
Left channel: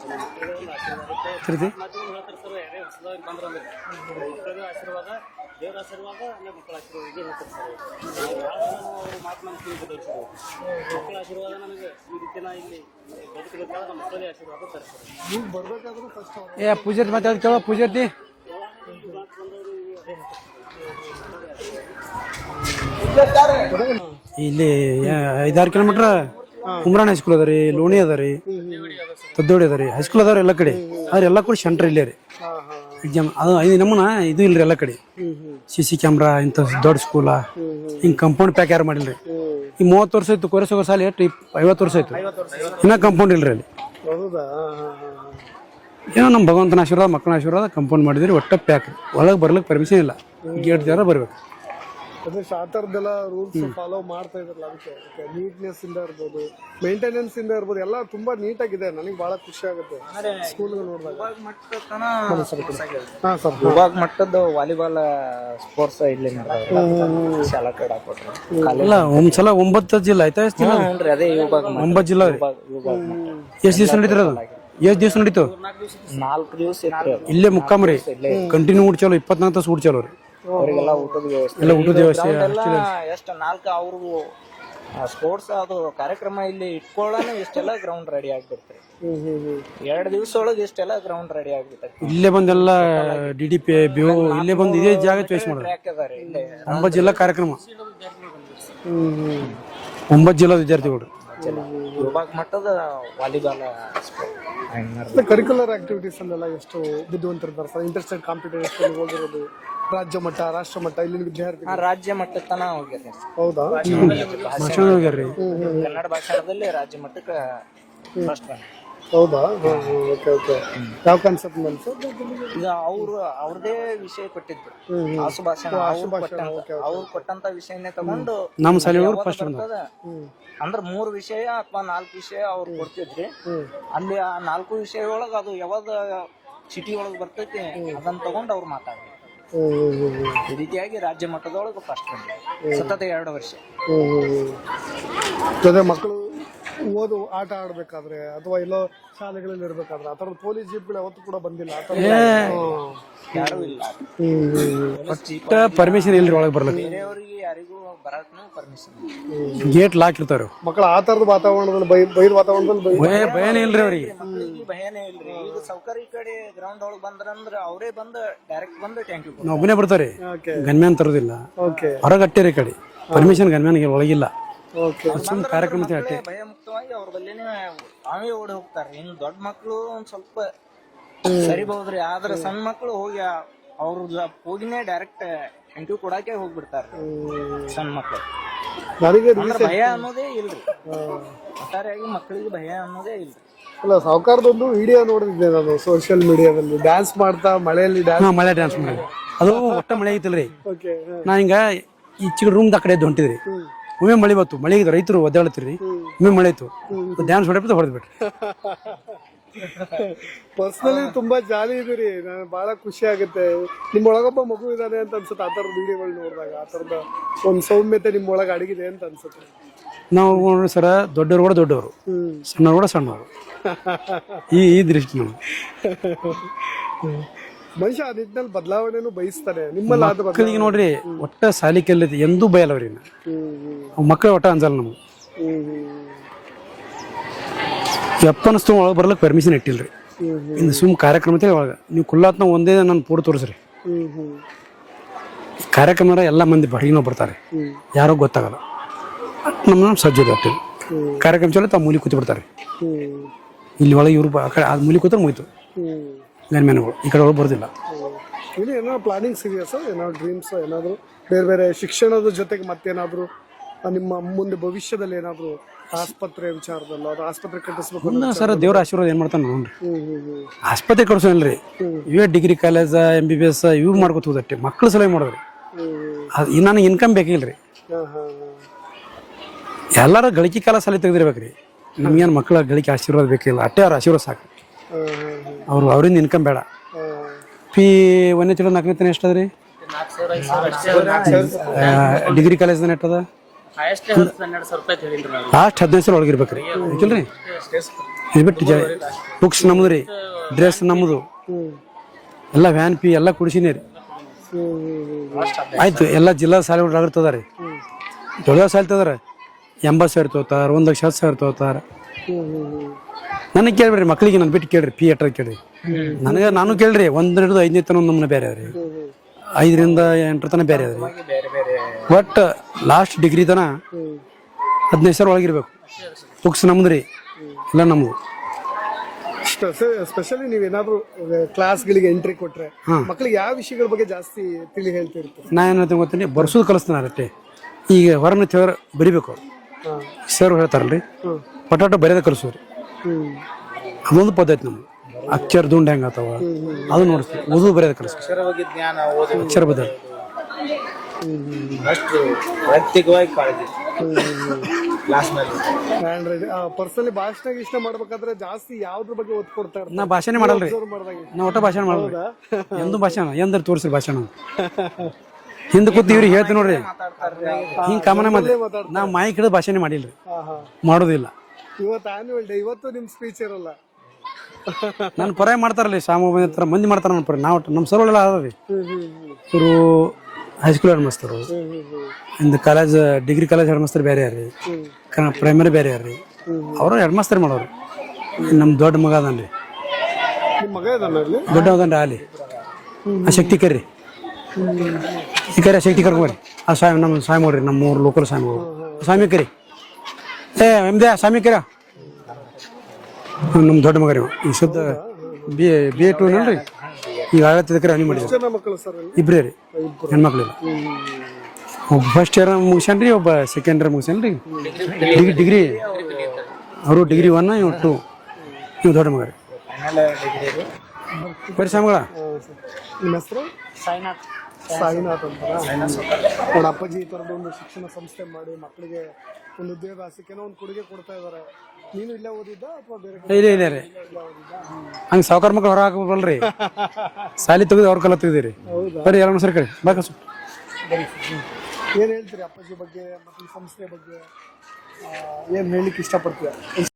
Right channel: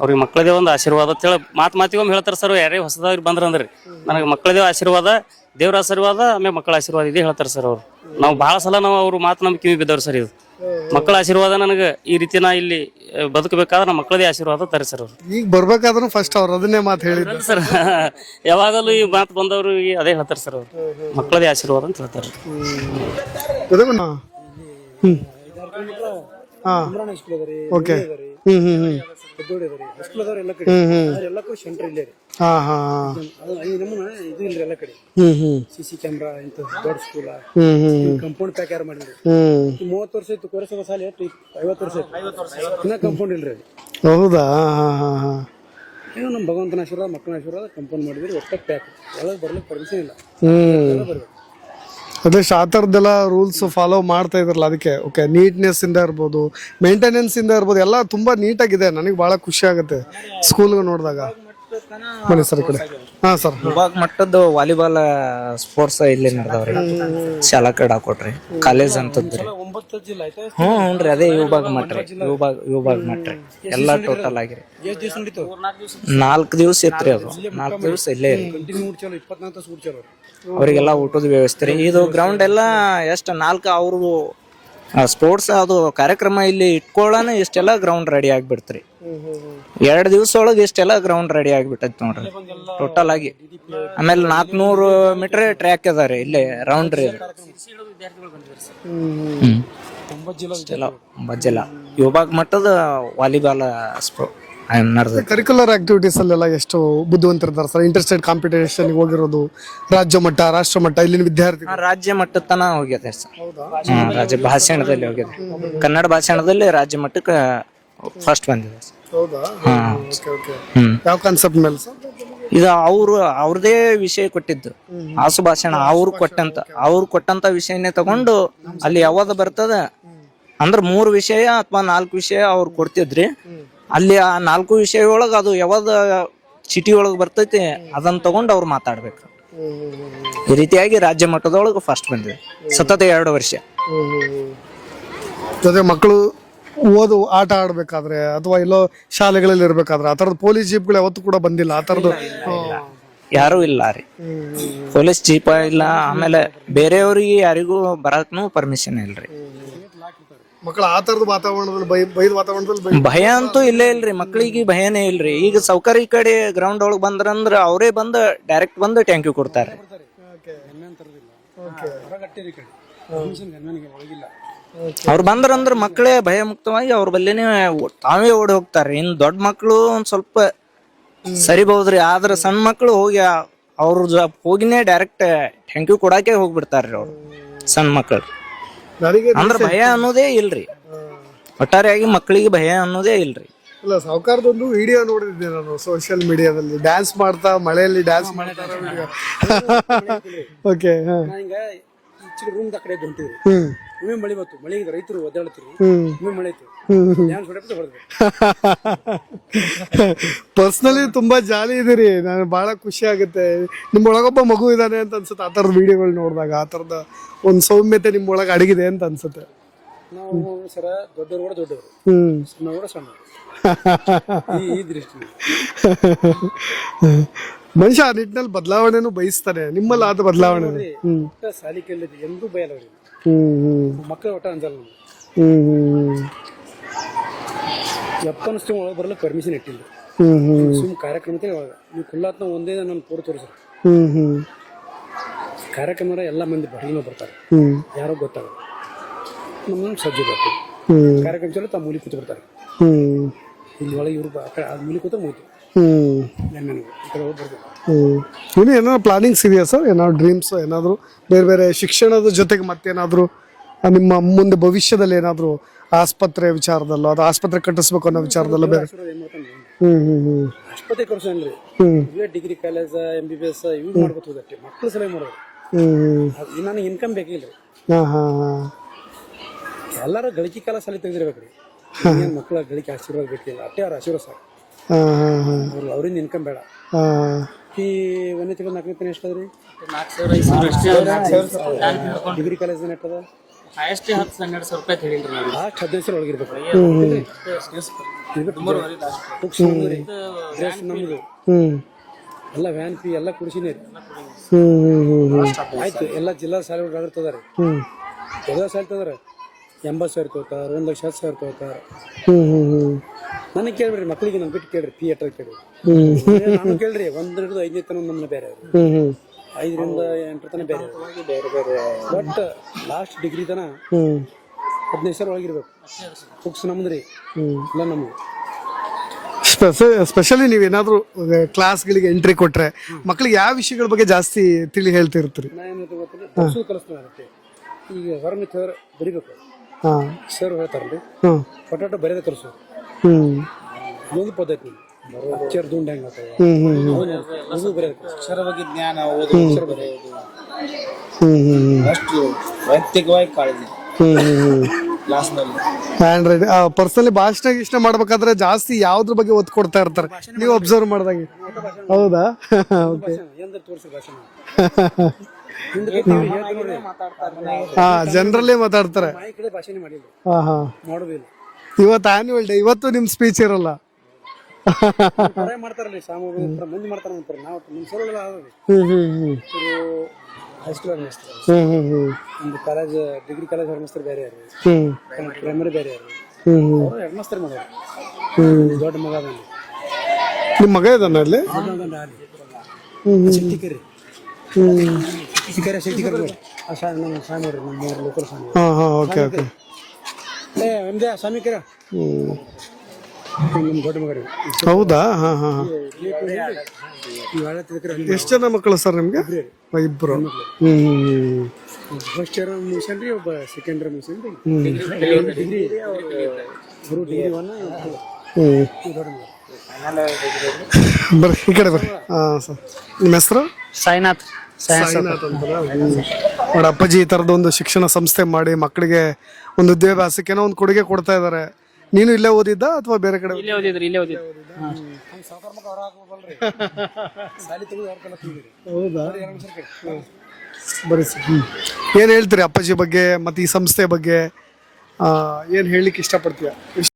ಅವ್ರಿಗೆ ಮಕ್ಕಳದೇ ಒಂದು ಆಶೀರ್ವಾದ ಅಂತ ಹೇಳಿ ಮಾತಿಗೊಮ್ಮೆ ಹೇಳ್ತಾರೆ ಸರ್. ಯಾರೇ ಹೊಸದಾಗಿ ಬಂದ್ರಂದ್ರೆ ನನಗೆ ಮಕ್ಕಳದೇ ಆಶೀರ್ವಾದ, ದೇವ್ರ ಆಶೀರ್ವಾದ, ಆಮೇಲೆ ಮಕ್ಕಳ ಆಶೀರ್ವಾದ ಇದೇ ಹೇಳ್ತಾರೆ ಸರ್ ಅವ್ರು. ನಾವು ಭಾಳ ಸಲ ನಾವು ಅವ್ರ ಮಾತು ನಮ್ಮ ಕಿವಿ ಬಿದ್ದವ್ರು ಸರ್. ಇದು ಮಕ್ಕಳ ಆಶೀರ್ವಾದ ನನಗೆ ಈ ರೀತಿ ನಾ ಇಲ್ಲಿ ಬದುಕಬೇಕಾದ್ರೆ ನಮ್ಮ ಮಕ್ಕಳದೇ ಆಶೀರ್ವಾದ ತಾರೆ ಸರ್ ಅವ್ರು. ಈಗ ಬರ್ಬೇಕಾದ್ರೂ ಫಸ್ಟ್ ಅವ್ರು ಅದನ್ನೇ ಮಾತು ಹೇಳಿದ್ರು ಸರ್. ಯಾವಾಗಲೂ ಈ ಮಾತು ಬಂದವರು ಅದೇ ಹೇಳ್ತಾರೆ ಸರ್. ಅವ್ರು ಮಕ್ಕಳದೇ ಆಶೀರ್ವಾದ ಅಂತ ಹೇಳ್ತಾರೆ. ಇಲ್ಲಿ 5-6 ಕಿಲೋಮೀಟರ್ ಉಮ್ರಾನ್ ಹೈಸ್ಕೂಲ್ ಅದ ರೀ, ಲೋಡಿ ಅದ ರೀ, ತದ್ದೋಡಿ ಅದ ರೀ, ಹೈಸ್ಕೂಲ್ ಅದಾವ್ರಿ ಎಲ್ಲ ಕಡೆ. ಆದ್ರೆ ಎಲ್ಲ ಕೂಡ ಸೆಂಟರ್ ಇಲ್ಲೇ ರೀ. ಅದು ನಮ್ಮನ ಇದು ಇಲ್ರಿ ಎಲ್ಲ ಕಡೆ. CC ಕ್ಯಾಮ್ರಾ ಇಂಥ ದೊಡ್ಡ ಸ್ಕೂಲ ಹಿಂಗ್ ಕಂಪೌಂಡ್ ಪ್ಯಾಕ್ ಯಾರು ಮಾಡಿಲ್ರಿ. ಈ 30 ವರ್ಷ ಆಯ್ತು ಕೊರೆಸೋಗ ಸಾಲ 50 ವರ್ಷ ಆಯ್ತು, ಇನ್ನ ಕಂಪೌಂಡ್ ಇಲ್ರಿ ಅಲ್ಲಿ. ಹೌದಾ? ಏನೋ ನಮ್ಮ ಭಗವಂತನ ಆಶೀರ್ವಾದ, ಮಕ್ಕಳ ಆಶೀರ್ವಾದ ಕಂಪೌಂಡ್ ಮಾಡಿದ್ರಿ. ಒಟ್ಟ ಪ್ಯಾಕ್, ಒಳಗೆ ಬರ್ಲಿಕ್ಕೆ ಪರ್ಮಿಷನ್ ಇಲ್ಲ, ಬರ್ಬೇಕು. ಅಟ್ಲೀಸ್ಟ್ ಆ ಥರದ್ದೆಲ್ಲ ರೂಲ್ಸ್ ಫಾಲೋ ಮಾಡ್ತಾ ಇದ್ರಲ್ಲ ಅದಕ್ಕೆ ಓಕೆ. ನೀಟ್ನೆಸ್ ಇಂದ ಇರ್ಬೋದು, ಮೇಂಟೆನೆನ್ಸ್ ಇಂದ ಇರ್ಬೋದು, ಎಲ್ಲ ತುಂಬಾ ನೀಟಾಗಿದೆ. ನನಗೆ ಬಹಳ ಖುಷಿ ಆಗುತ್ತೆ ಸ್ಕೂಲ್ಗೆ ನೋಡಿದಾಗ. ಬನ್ನಿ ಸರ್ ಈ ಕಡೆ. ಹಾ ಸರ್. ವಿಭಾಗ ಮಟ್ಟದ್ದು ವಾಲಿಬಾಲ್ ಸ್ಪೋರ್ಟ್ಸ್ ಇಲ್ಲಿ ನಡೆದವ್ರಿ, ಶಾಲಾ ಕ್ರೀಡಾ ಕೊಟ್ರಿ ಕಾಲೇಜ್ ಒಂದ್ಸಲ 9 ಜಿಲ್ಲಾ ಆಯ್ತಾ? ಹ್ಞೂನ್ರಿ ಅದೇ ವಿಭಾಗ ಮಟ್ಟ. 9 ಜಿಲ್ಲಾ ವಿಭಾಗ ಮಟ್ಟ ಎಷ್ಟು ದಿವಸ ನಡೀತದ? ಎಷ್ಟು ದಿವಸ ನಡೀತು? 4 ದಿವಸ ಇತ್ರಿ ಅದು. ಇಲ್ಲೇ ಮುಕ್ಕಾಮರಿ ಇಲ್ಲೇ ಕಂಟಿನ್ಯೂ ಊಟ ಚಾಲು, 24 ತಾಸು ಊಟ ಚಾಲು ರೀ. ಅವರಿಗೆಲ್ಲ ಊಟದ ವ್ಯವಸ್ಥೆ. ಇದು ಗ್ರೌಂಡ್ ಎಲ್ಲ ಎಷ್ಟು 4 ಅವ್ರದ್ದು ಸ್ಪೋರ್ಟ್ಸ್ ಅದು ಕಾರ್ಯಕ್ರಮ ಇಲ್ಲಿ ಇಟ್ಕೊಳ್ಳೋಣ ಇಷ್ಟೆಲ್ಲ ಗ್ರೌಂಡ್ ರೆಡಿ ಆಗ್ಬಿಡ್ತ್ರಿ. 2 ದಿವಸ ಒಳಗೆ ಇಷ್ಟೆಲ್ಲ ಗ್ರೌಂಡ್ ರೆಡಿ ಆಗ್ಬಿಟ್ಟೈತಿ. ಇಲ್ಲೇ ಬಂದೆಲ್ಲ DDP ಆಮೇಲೆ 400 ಮೀಟರ್ ಟ್ರ್ಯಾಕ್ ಅದಾರೆ ಇಲ್ಲೇ ರೌಂಡ್ ಜಿಲ್ಲಾ ಕಾರ್ಯಕ್ರಮ. 9 ಜಿಲ್ಲಾ ವಿದ್ಯಾರ್ಥಿಗಳು. 9 ಜಿಲ್ಲಾ ವಿಭಾಗ ಮಟ್ಟದ ವಾಲಿಬಾಲ್ ನಡೆದ. ಕರಿಕ್ಯುಲರ್ ಆಕ್ಟಿವಿಟೀಸ್ ಅಲ್ಲೆಲ್ಲ ಎಷ್ಟು ಬುದ್ಧಿವಂತರಿದ್ದಾರೆ ಸರ್? ಇಂಟರ್ ಸ್ಟೇಟ್ ಕಾಂಪಿಟೇಷನ್ ಹೋಗಿರೋದು, ರಾಜ್ಯ ಮಟ್ಟ, ರಾಷ್ಟ್ರ ಮಟ್ಟ, ಇಲ್ಲಿನ ವಿದ್ಯಾರ್ಥಿ ರಾಜ್ಯ ಮಟ್ಟದ ತನ ಹೋಗ್ಯದೆ ಸರ್. ಹೌದಾ? ರಾಜ್ಯ ಭಾಷಣದಲ್ಲಿ ಹೋಗ್ಯದೆ. ಕನ್ನಡ ಭಾಷಣದಲ್ಲಿ ರಾಜ್ಯ ಮಟ್ಟಕ್ಕೆ ಫಸ್ಟ್ ಬಂದಿದೆ. ಹೌದಾ? Okay okay. ಯಾವ ಕಾನ್ಸೆಪ್ಟ್ ಮೇಲೆ ಸರ್? ಇದು ಅವ್ರದೇ ವಿಷಯ ಕೊಟ್ಟಿದ್ದು ಆಸು ಭಾಷಣ. ಅವ್ರು ಕೊಟ್ಟಂತ ವಿಷಯನೇ ತಗೊಂಡು ಅಲ್ಲಿ ಯಾವಾಗ ಬರ್ತದ ಅಂದ್ರ 3 ವಿಷಯ ಅಥವಾ 4 ವಿಷಯ ಅವ್ರು ಕೊಡ್ತಿದ್ರಿ. ಅಲ್ಲಿ ಆ 4 ವಿಷಯ ಒಳಗ ಅದು ಯಾವಾಗ ಸಿಟಿ ಒಳಗ ಬರ್ತೈತಿ ಅದನ್ನ ತಗೊಂಡು ಅವ್ರು ಮಾತಾಡ್ಬೇಕು. ಈ ರೀತಿಯಾಗಿ ರಾಜ್ಯ ಮಟ್ಟದೊಳಗ ಫಸ್ಟ್ ಬಂದಿದೆ ಸತತ 2 ವರ್ಷ. ಜೊತೆಗೆ ಮಕ್ಕಳು ಆಟ ಆಡ್ಬೇಕಾದ್ರೆ ಅಥವಾ ಎಲ್ಲೋ ಶಾಲೆಗಳಲ್ಲಿ ಇರ್ಬೇಕಾದ್ರೆ ಆ ತರದ ಪೊಲೀಸ್ ಜೀಪ್ಗಳು ಯಾವತ್ತೂ ಕೂಡ ಬಂದಿಲ್ಲ. ಆ ತರದ ಯಾರು ಇಲ್ಲ ರೀ. ಪೊಲೀಸ್ ಜೀಪ್ ಬೇರೆಯವ್ರಿಗೆ ಯಾರಿಗೂ ಬರಕ್ನು ಪರ್ಮಿಷನ್ ಇಲ್ರಿ. ಗೇಟ್ ಲಾಕ್ ಇರ್ತಾರ. ಮಕ್ಕಳು ಆ ತರದ ವಾತಾವರಣದಲ್ಲಿ ಬೈದ ವಾತಾವರಣದಲ್ಲಿ ಭಯ ಅಂತೂ ಇಲ್ಲೇ ಇಲ್ರಿ. ಮಕ್ಳಿಗೆ ಭಯನೇ ಇಲ್ರಿ. ಈಗ ಸೌಕರ್ಯ ಕಡೆ ಗ್ರೌಂಡ್ ಒಳಗ್ ಬಂದ್ರಂದ್ರ ಅವರೇ ಬಂದು ಡೈರೆಕ್ಟ್ ಬಂದು ಟ್ಯಾಂಕ್ ಯು ಕೊಡ್ತಾರೆ. ಒಬ್ಬನೇ ಬರ್ತಾರೆ, ಗನ್ಮ್ಯಾನ್ ತರೋದಿಲ್ಲ. ಹೊರಗಟ್ಟೇರಿ ಕಡೆ ಪರ್ಮಿಷನ್ ಗನ್ಮ್ಯಾನ್ ಒಳಗಿಲ್ಲ. ಅವ್ರು ಬಂದ್ರಂದ್ರ ಮಕ್ಕಳೇ ಭಯ ಮುಕ್ತವಾಗಿ ಅವ್ರ ಬಲ್ಲೇನೆ ತಾವೇ ಓಡಿ ಹೋಗ್ತಾರೆ. ಇನ್ ದೊಡ್ಡ ಮಕ್ಳು ಒಂದ್ ಸ್ವಲ್ಪ ಸರಿಬಹುದ್ರಿ. ಆದ್ರ ಸಣ್ಣ ಮಕ್ಳು ಹೋಗಿ ಅವ್ರ ಹೋಗಿನೇ ಡೈರೆಕ್ಟ್ ಥ್ಯಾಂಕ್ ಯು ಕೊಡಾಕೆ ಹೋಗ್ಬಿಡ್ತಾರ್ರಿ ಅವ್ರು ಸಣ್ಣ ಮಕ್ಳು. ಅಂದ್ರ ಭಯ ಅನ್ನೋದೇ ಇಲ್ರಿ. ಒಟ್ಟಾರೆಯಾಗಿ ಮಕ್ಕಳಿಗೆ ಭಯ ಅನ್ನೋದೇ ಇಲ್ರಿ. ಅಲ್ಲ, ಸಾವುಕಾರದೊಂದು ವಿಡಿಯೋ ನೋಡಿದ್ದೆ ನಾನು ಸೋಷಿಯಲ್ ಮೀಡಿಯಾದಲ್ಲಿ. ಡ್ಯಾನ್ಸ್ ಮಾಡ್ತಾ ಮಳೆಯಲ್ಲಿ ಡ್ಯಾನ್ಸ್. ಮಳೆ ಡ್ಯಾನ್ಸ್ ಮಾಡಿ ಮಳೆ ಆಗಿತ್ತಲ್ರಿ. ಓಕೆ. ನಾ ಹಿಂಗ ಈ ಚಿಕ್ಕ ರೂಮ್ ಕಡೆ ಎದ್ದು ಹೊಂಟಿದ್ರಿ. ಒಮ್ಮೆ ಮಳೆ ಬಂತು. ಮಳೆಗೆ ರೈತರು ಒದ್ದಾಡ್ತಿರಿ. ಒಮ್ಮೆ ಮಳೆ ಇತ್ತು, ಡ್ಯಾನ್ಸ್ ಹೊಡೆಬಿಟ್ಟು ಹೊಡೆದ್ಬಿಟ್ಟು. ಪರ್ಸನಲಿ ತುಂಬಾ ಜಾಲಿ ಇದೀರಿ. ನಾನು ಬಹಳ ಖುಷಿ ಆಗುತ್ತೆ. ನಿಮ್ಮೊಳಗೊಬ್ಬ ಮಗು ಇದ್ದಾನೆ ಅಂತ ಅನ್ಸುತ್ತೆ ಆ ತರದ ವಿಡಿಯೋಗಳು ನೋಡಿದಾಗ. ಆ ತರದ ಒಂದು ಸೌಮ್ಯತೆ ನಿಮ್ಮೊಳಗೆ ಅಡಗಿದೆ ಅಂತ ಅನ್ಸುತ್ತೆ. ನಾವು ನೋಡ್ರಿ ಸರ, ದೊಡ್ಡವರು ಕೂಡ ದೊಡ್ಡವರು, ಸಣ್ಣವರು ಕೂಡ ಸಣ್ಣವರು. ಈ ದೃಷ್ಟಿ ಮನುಷ್ಯ ಆ ನಿಟ್ಟಿನಲ್ಲಿ ಬದಲಾವಣೆನೂ ಬಯಸ್ತಾನೆ. ನಿಮ್ಮಲ್ಲಿ ಆದ ಬದಲಾವಣೆ ನೋಡ್ರಿ. ಒಟ್ಟ ಸಾಲಿ ಕಲ್ಲಿದ್ದು ಎಂದೂ ಬಯಲ್ಲ ಅವ್ರಿ. ಮಕ್ಕಳ ಒಟ್ಟ ಅನ್ಸಲ್ಲ ನಮ್ಗೆ. ಎಪ್ಪನಸ್ತು ಒಳಗೆ ಬರ್ಲಕ್ಕೆ ಪರ್ಮಿಷನ್ ಇಟ್ಟಿಲ್ರಿ. ಸುಮ್ ಕಾರ್ಯಕ್ರಮ ಒಳಗ ನೀವು ಕುಲ್ಲಾತ್ನ ಒಂದೇ ನನ್ನ ಫೋಟೋ ತೋರಿಸ್ರಿ. ಕಾರ್ಯಕ್ರಮ ಎಲ್ಲ ಮಂದಿ ಹೊರಗಿನ ಬರ್ತಾರೆ, ಯಾರೋ ಗೊತ್ತಾಗಲ್ಲ. ನಮ್ಮ ಸಜ್ಜದ ಕಾರ್ಯಕ್ರಮ ಚಲೋ ತಾವು ಮೂಲಿ ಕೂತ್ ಬಿಡ್ತಾರೆ. ಇಲ್ಲಿ ಒಳಗೆ ಇವ್ರು ಮೂಲಿ ಕೂತ್ರೆ ಮುಗಿತು. ಗನ್ಮ್ಯಾನ್ಗಳು ಈ ಕಡೆ ಒಳಗೆ ಬರೋದಿಲ್ಲ. ಇನ್ನು ಏನಾದ್ರು ಪ್ಲಾನಿಂಗ್ಸ್ ಇದೆಯಾ ಸರ್? ಏನಾದ್ರು ಡ್ರೀಮ್ಸ್, ಏನಾದ್ರು ಬೇರೆ ಬೇರೆ ಶಿಕ್ಷಣದ ಜೊತೆಗೆ ಮತ್ತೇನಾದ್ರು ನಿಮ್ಮ ಮುಂದೆ ಭವಿಷ್ಯದಲ್ಲಿ ಏನಾದ್ರು ಆಸ್ಪತ್ರೆ ವಿಚಾರದಲ್ಲೋ, ಅದು ಆಸ್ಪತ್ರೆ ಕಟ್ಟಿಸ್ಬೇಕು ಅನ್ನೋ ವಿಚಾರದಲ್ಲಿ ದೇವರ ಆಶೀರ್ವಾದ ಏನ್ ಮಾಡ್ತಾನೆ ನೋಡ್ರಿ. ಆಸ್ಪತ್ರೆ ಕಟ್ಸೋಲ್ರಿ, ಇವೇ ಡಿಗ್ರಿ ಕಾಲೇಜ್ MBBS ಇವ್ ಮಾಡ್ಕೊತ ಹೋದಟ್ಟೆ. ಮಕ್ಳು ಸಲಹೆ ಮಾಡಿದ್ರಿ. ನನಗೆ ಇನ್ಕಮ್ ಬೇಕಿಲ್ರಿ. ಎಲ್ಲಾರು ಗಳಿಕೆ ಕಾಲ ಸಲ ತೆಗೆದಿರ್ಬೇಕ್ರಿ. ಹಿಂಗೇನು ಮಕ್ಕಳ ಗಳಿಕೆ ಆಶೀರ್ವಾದ ಬೇಕಿಲ್ಲ, ಅಟ್ಟೆ ಅವ್ರ ಆಶೀರ್ವಾದ ಸಾಕು. ಅವ್ರಿಂದ ಇನ್ಕಮ್ ಬೇಡ. ಫೀ 1ನೇ ತಿಂಗಳು 4ನೇ ತನ ಎಷ್ಟದ್ರಿ? ಡಿಗ್ರಿ ಕಾಲೇಜ್ ಎಷ್ಟದ? ಲಾಸ್ಟ್ 15,000 ಒಳಗಿರ್ಬೇಕ್ರಿ. ಬುಕ್ಸ್ ನಮ್ದು ರೀ, ಡ್ರೆಸ್ ನಮ್ದು, ಎಲ್ಲ ವ್ಯಾನ್ ಫೀ ಎಲ್ಲ ಕುಡಿಸಿನೇ ರೀ. ಆಯ್ತು. ಎಲ್ಲ ಜಿಲ್ಲಾ ಶಾಲೆಗಳು ಆಗಿರ್ತದ ರೀ. ದೊಡ್ಡ ಶಾಲೆ ತದಾರ 80,000 ತಗೋತಾರ, 1,10,000 ತಗೋತಾರ. ನನಗೆ ಕೇಳ್ಬೇಡ್ರಿ, ಮಕ್ಳಿಗೆ ನಾನು ಬಿಟ್ಟು ಕೇಳ್ರಿ. ಫೀ ಎಟ್ರ ಕೇಳ್ರಿ. ನನಗೆ ನಾನು ಕೇಳ್ರಿ. 1 ಹಿಡಿದು 5ನೇ ತನ ನಮ್ಮನ್ನ ಬೇರೆ ಅದ್ರಿ, 5ರಿಂದ 8 ತನ ಬೇರೆ ಅದ್ರಿ. ಬಟ್ ಲಾಸ್ಟ್ ಡಿಗ್ರಿ ತನ 15,000 ಒಳಗಿರ್ಬೇಕು. ಬುಕ್ಸ್ ನಮ್ದು ರೀ, ಎಲ್ಲ ನಮ್ದು. ಸ್ಪೆಷಲಿ ನೀವೇನಾದ್ರು ಕ್ಲಾಸ್ಗಳಿಗೆ ಎಂಟ್ರಿ ಕೊಟ್ರೆ ಮಕ್ಳಿಗೆ ಯಾವ ವಿಷಯಗಳ ಬಗ್ಗೆ ಜಾಸ್ತಿ ತಿಳಿ ಹೇಳ್ತಿರ್ತೀರಿ? ನಾ ಏನ್ ಹೇಳ್ತೀನಿ ಗೊತ್ತೀನಿ, ಬರ್ಸೋದು ಕಲಿಸ್ತಾನ ಅಷ್ಟೇ. ಈಗ ಹೊರನ ಚೇರ್ ಬರಿಬೇಕು ಅವ್ರು. ಸರ್ ಹೇಳ್ತಾರಲ್ರಿ, ಪಟಾಟೊ ಬರೆಯೋದ ಕಲಿಸೋರು. ಅದೊಂದು ಪದ್ಧತಿ ನಮ್ದು. ಅಕ್ಷರ ದುಂಡ್ ಹೆಂಗ ಆತಾವ ಅದು ನೋಡ್ತೀವಿ. ಓದು ಬರೆಯೋದ ಕಲಿಸ್ತೀವಿ. ಅಕ್ಷರ ಬಗ್ಗೆ ಅಷ್ಟು ವೈಯಕ್ತಿಕವಾಗಿ ಕಾಳಜಿ ಕ್ಲಾಸ್ನಲ್ಲಿ. ಹ್ಯಾಂಡ್ ರೈಟಿಂಗ್ ಪರ್ಸನಲಿ ಭಾಷಣ ಇಷ್ಟ ಮಾಡ್ಬೇಕಾದ್ರೆ ಜಾಸ್ತಿ ಯಾವ್ದ್ರ ಬಗ್ಗೆ ಒತ್ತು ಕೊಡ್ತಾ ಇರ್ತಾರೆ ಭಾಷಣ ಅಬ್ಸರ್ವ್ ಮಾಡಿದಾಗ? ನಾವು ಒಟ್ಟ ಭಾಷಣ ಹೌದಾ? ಒಂದು ಭಾಷಣ ಎಂದ್ರ ತೋರಿಸ್ರಿ ಭಾಷಣ ಹಿಂದೆ ಕೂತಿ ಇವ್ರಿಗೆ ಹೇಳ್ತೀನಿ ನೋಡ್ರಿ ಜನರಲ್ಲೇ ಮಾತಾಡ್ತಾರೆ. ನಾವು ಮಾಯಿ ಹಿಡಿದು ಭಾಷಣ ಮಾಡಿಲ್ರಿ, ಹಾ ಹಾ. ಮಾಡೋದಿಲ್ಲ. ಇವತ್ತು ಆನ್ಯುವಲ್ ಡೇ, ಇವತ್ತು ನಿಮ್ ಸ್ಪೀಚ್ ಇರಲ್ಲ. ನನ್ನ ಪರ ಮಾಡ್ತಾರಲ್ಲ ಸಾಮ ಮಂದಿ ಮಾಡ್ತಾರ ನನ್ನ ಪರ. ನಾವು ನಮ್ಮ ಸರೋಳೆಲ್ಲ ಅದಾವೆ. ಇವರು ಹೈಸ್ಕೂಲ್ ಹೆಡ್ ಮಾಸ್ತರು, ಇಂದ college degree college head master ಬೇರೆ ಯಾರ್ರಿ, ಪ್ರೈಮರಿ ಬೇರೆ ಯಾರ್ರಿ, ಅವರು ಹೆಡ್ ಮಾಸ್ತರ್ ಮಾಡೋರು. ನಮ್ ದೊಡ್ಡ ಮಗ ಅದನ್ರಿ, ನಿಮ್ ಮಗ ಇದಾನ ಅಲ್ಲಿ? ದೊಡ್ಡ ಅದನ್ರಿ ಅಲ್ಲಿ ಶಕ್ತಿ ಕರ್ರಿ, ಈ ಕರೆ ಶಕ್ತಿ ಕರ್ಕೊಂಡ್ರಿ. ಆ ಸ್ವಾಮಿ ನಮ್ಮ ಸ್ವಾಮಿ ನೋಡ್ರಿ, ನಮ್ಮ ಮೂರು ಲೋಕಲ್ ಸ್ವಾಮಿ ಸ್ವಾಮಿ ಕರಿ ಎಮ್ದೆ ಸ್ವಾಮಿ ಕರ ನಮ್ಮ ದೊಡ್ಡ ಮಗ ರೀ. ಹೌದಾ? ಬಿ ಎ 2 ನೋಡ್ರಿ, ಈಗ 50 ಎಕರೆ ಹನಿ ಮಾಡಿ. ಎಷ್ಟು ಜನ ಮಕ್ಕಳು ಸರ್ ನಿಮ್ಗೆ? ಇಬ್ರೇ ರೀ, ಇಬ್ರು ಹೆಣ್ಮಕ್ಳು. ಒಬ್ಬ ಫಸ್ಟ್ ಇಯರ್ ಮುಗಿಸ್ಯಾನ್ರಿ, ಒಬ್ಬ ಸೆಕೆಂಡ್ ಇಯರ್ ಮುಗಿಸ್ಯಾನ್ರಿ. ಡಿಗ್ರಿ ಅವರು ಡಿಗ್ರಿ 1, ಇವ್ 2. ಇವ್ ದೊಡ್ಡ ಮಗ ರೀ. ಬರ್ರಿ ಈ ಕಡೆ ಮಗಳ. ನಿಮ್ಮ ಹೆಸರು? ಸಾಯಿನಾಥ್. ಸಾಯಿನಾಥ್ ಅಂತ. ಅವ್ರ ಅಪ್ಪಾಜಿ ಈ ತರದ ಒಂದು ಶಿಕ್ಷಣ ಸಂಸ್ಥೆ ಮಾಡಿ ಮಕ್ಕಳಿಗೆ ಒಂದು ವಿದ್ಯಾಭ್ಯಾಸಕ್ಕೆ ಏನೋ ಒಂದು ಕೊಡುಗೆ ಕೊಡ್ತಾ ಇದಾರೆ. ನೀನು ಇಲ್ಲೇ ಓದಿದ್ದ ಅಥವಾ ಬೇರೆ ಕಡೆ? ಹಂಗ ಸಾವುಕಾರ ಮಕ್ಕಳು ಹೊರ ಹಾಕಲ್ರಿ, ಸಾಲಿ ತೆಗೆದು ಅವ್ರ ಕಲ ತೆಗ್ದಿರಿ. ಬರೀ ಎಲ್ಲ ಸರಿ ಕಡೆ ಬಾಕಸು ಬರೀ ಏನ್ ಹೇಳ್ತೀರಿ ಅಪ್ಪಾಜಿ ಬಗ್ಗೆ ಮತ್ತೆ ಈ ಸಂಸ್ಥೆ ಬಗ್ಗೆ? ಏನ್ ಹೇಳಿಕ್ಕೆ ಇಷ್ಟಪಡ್ತೀಯ?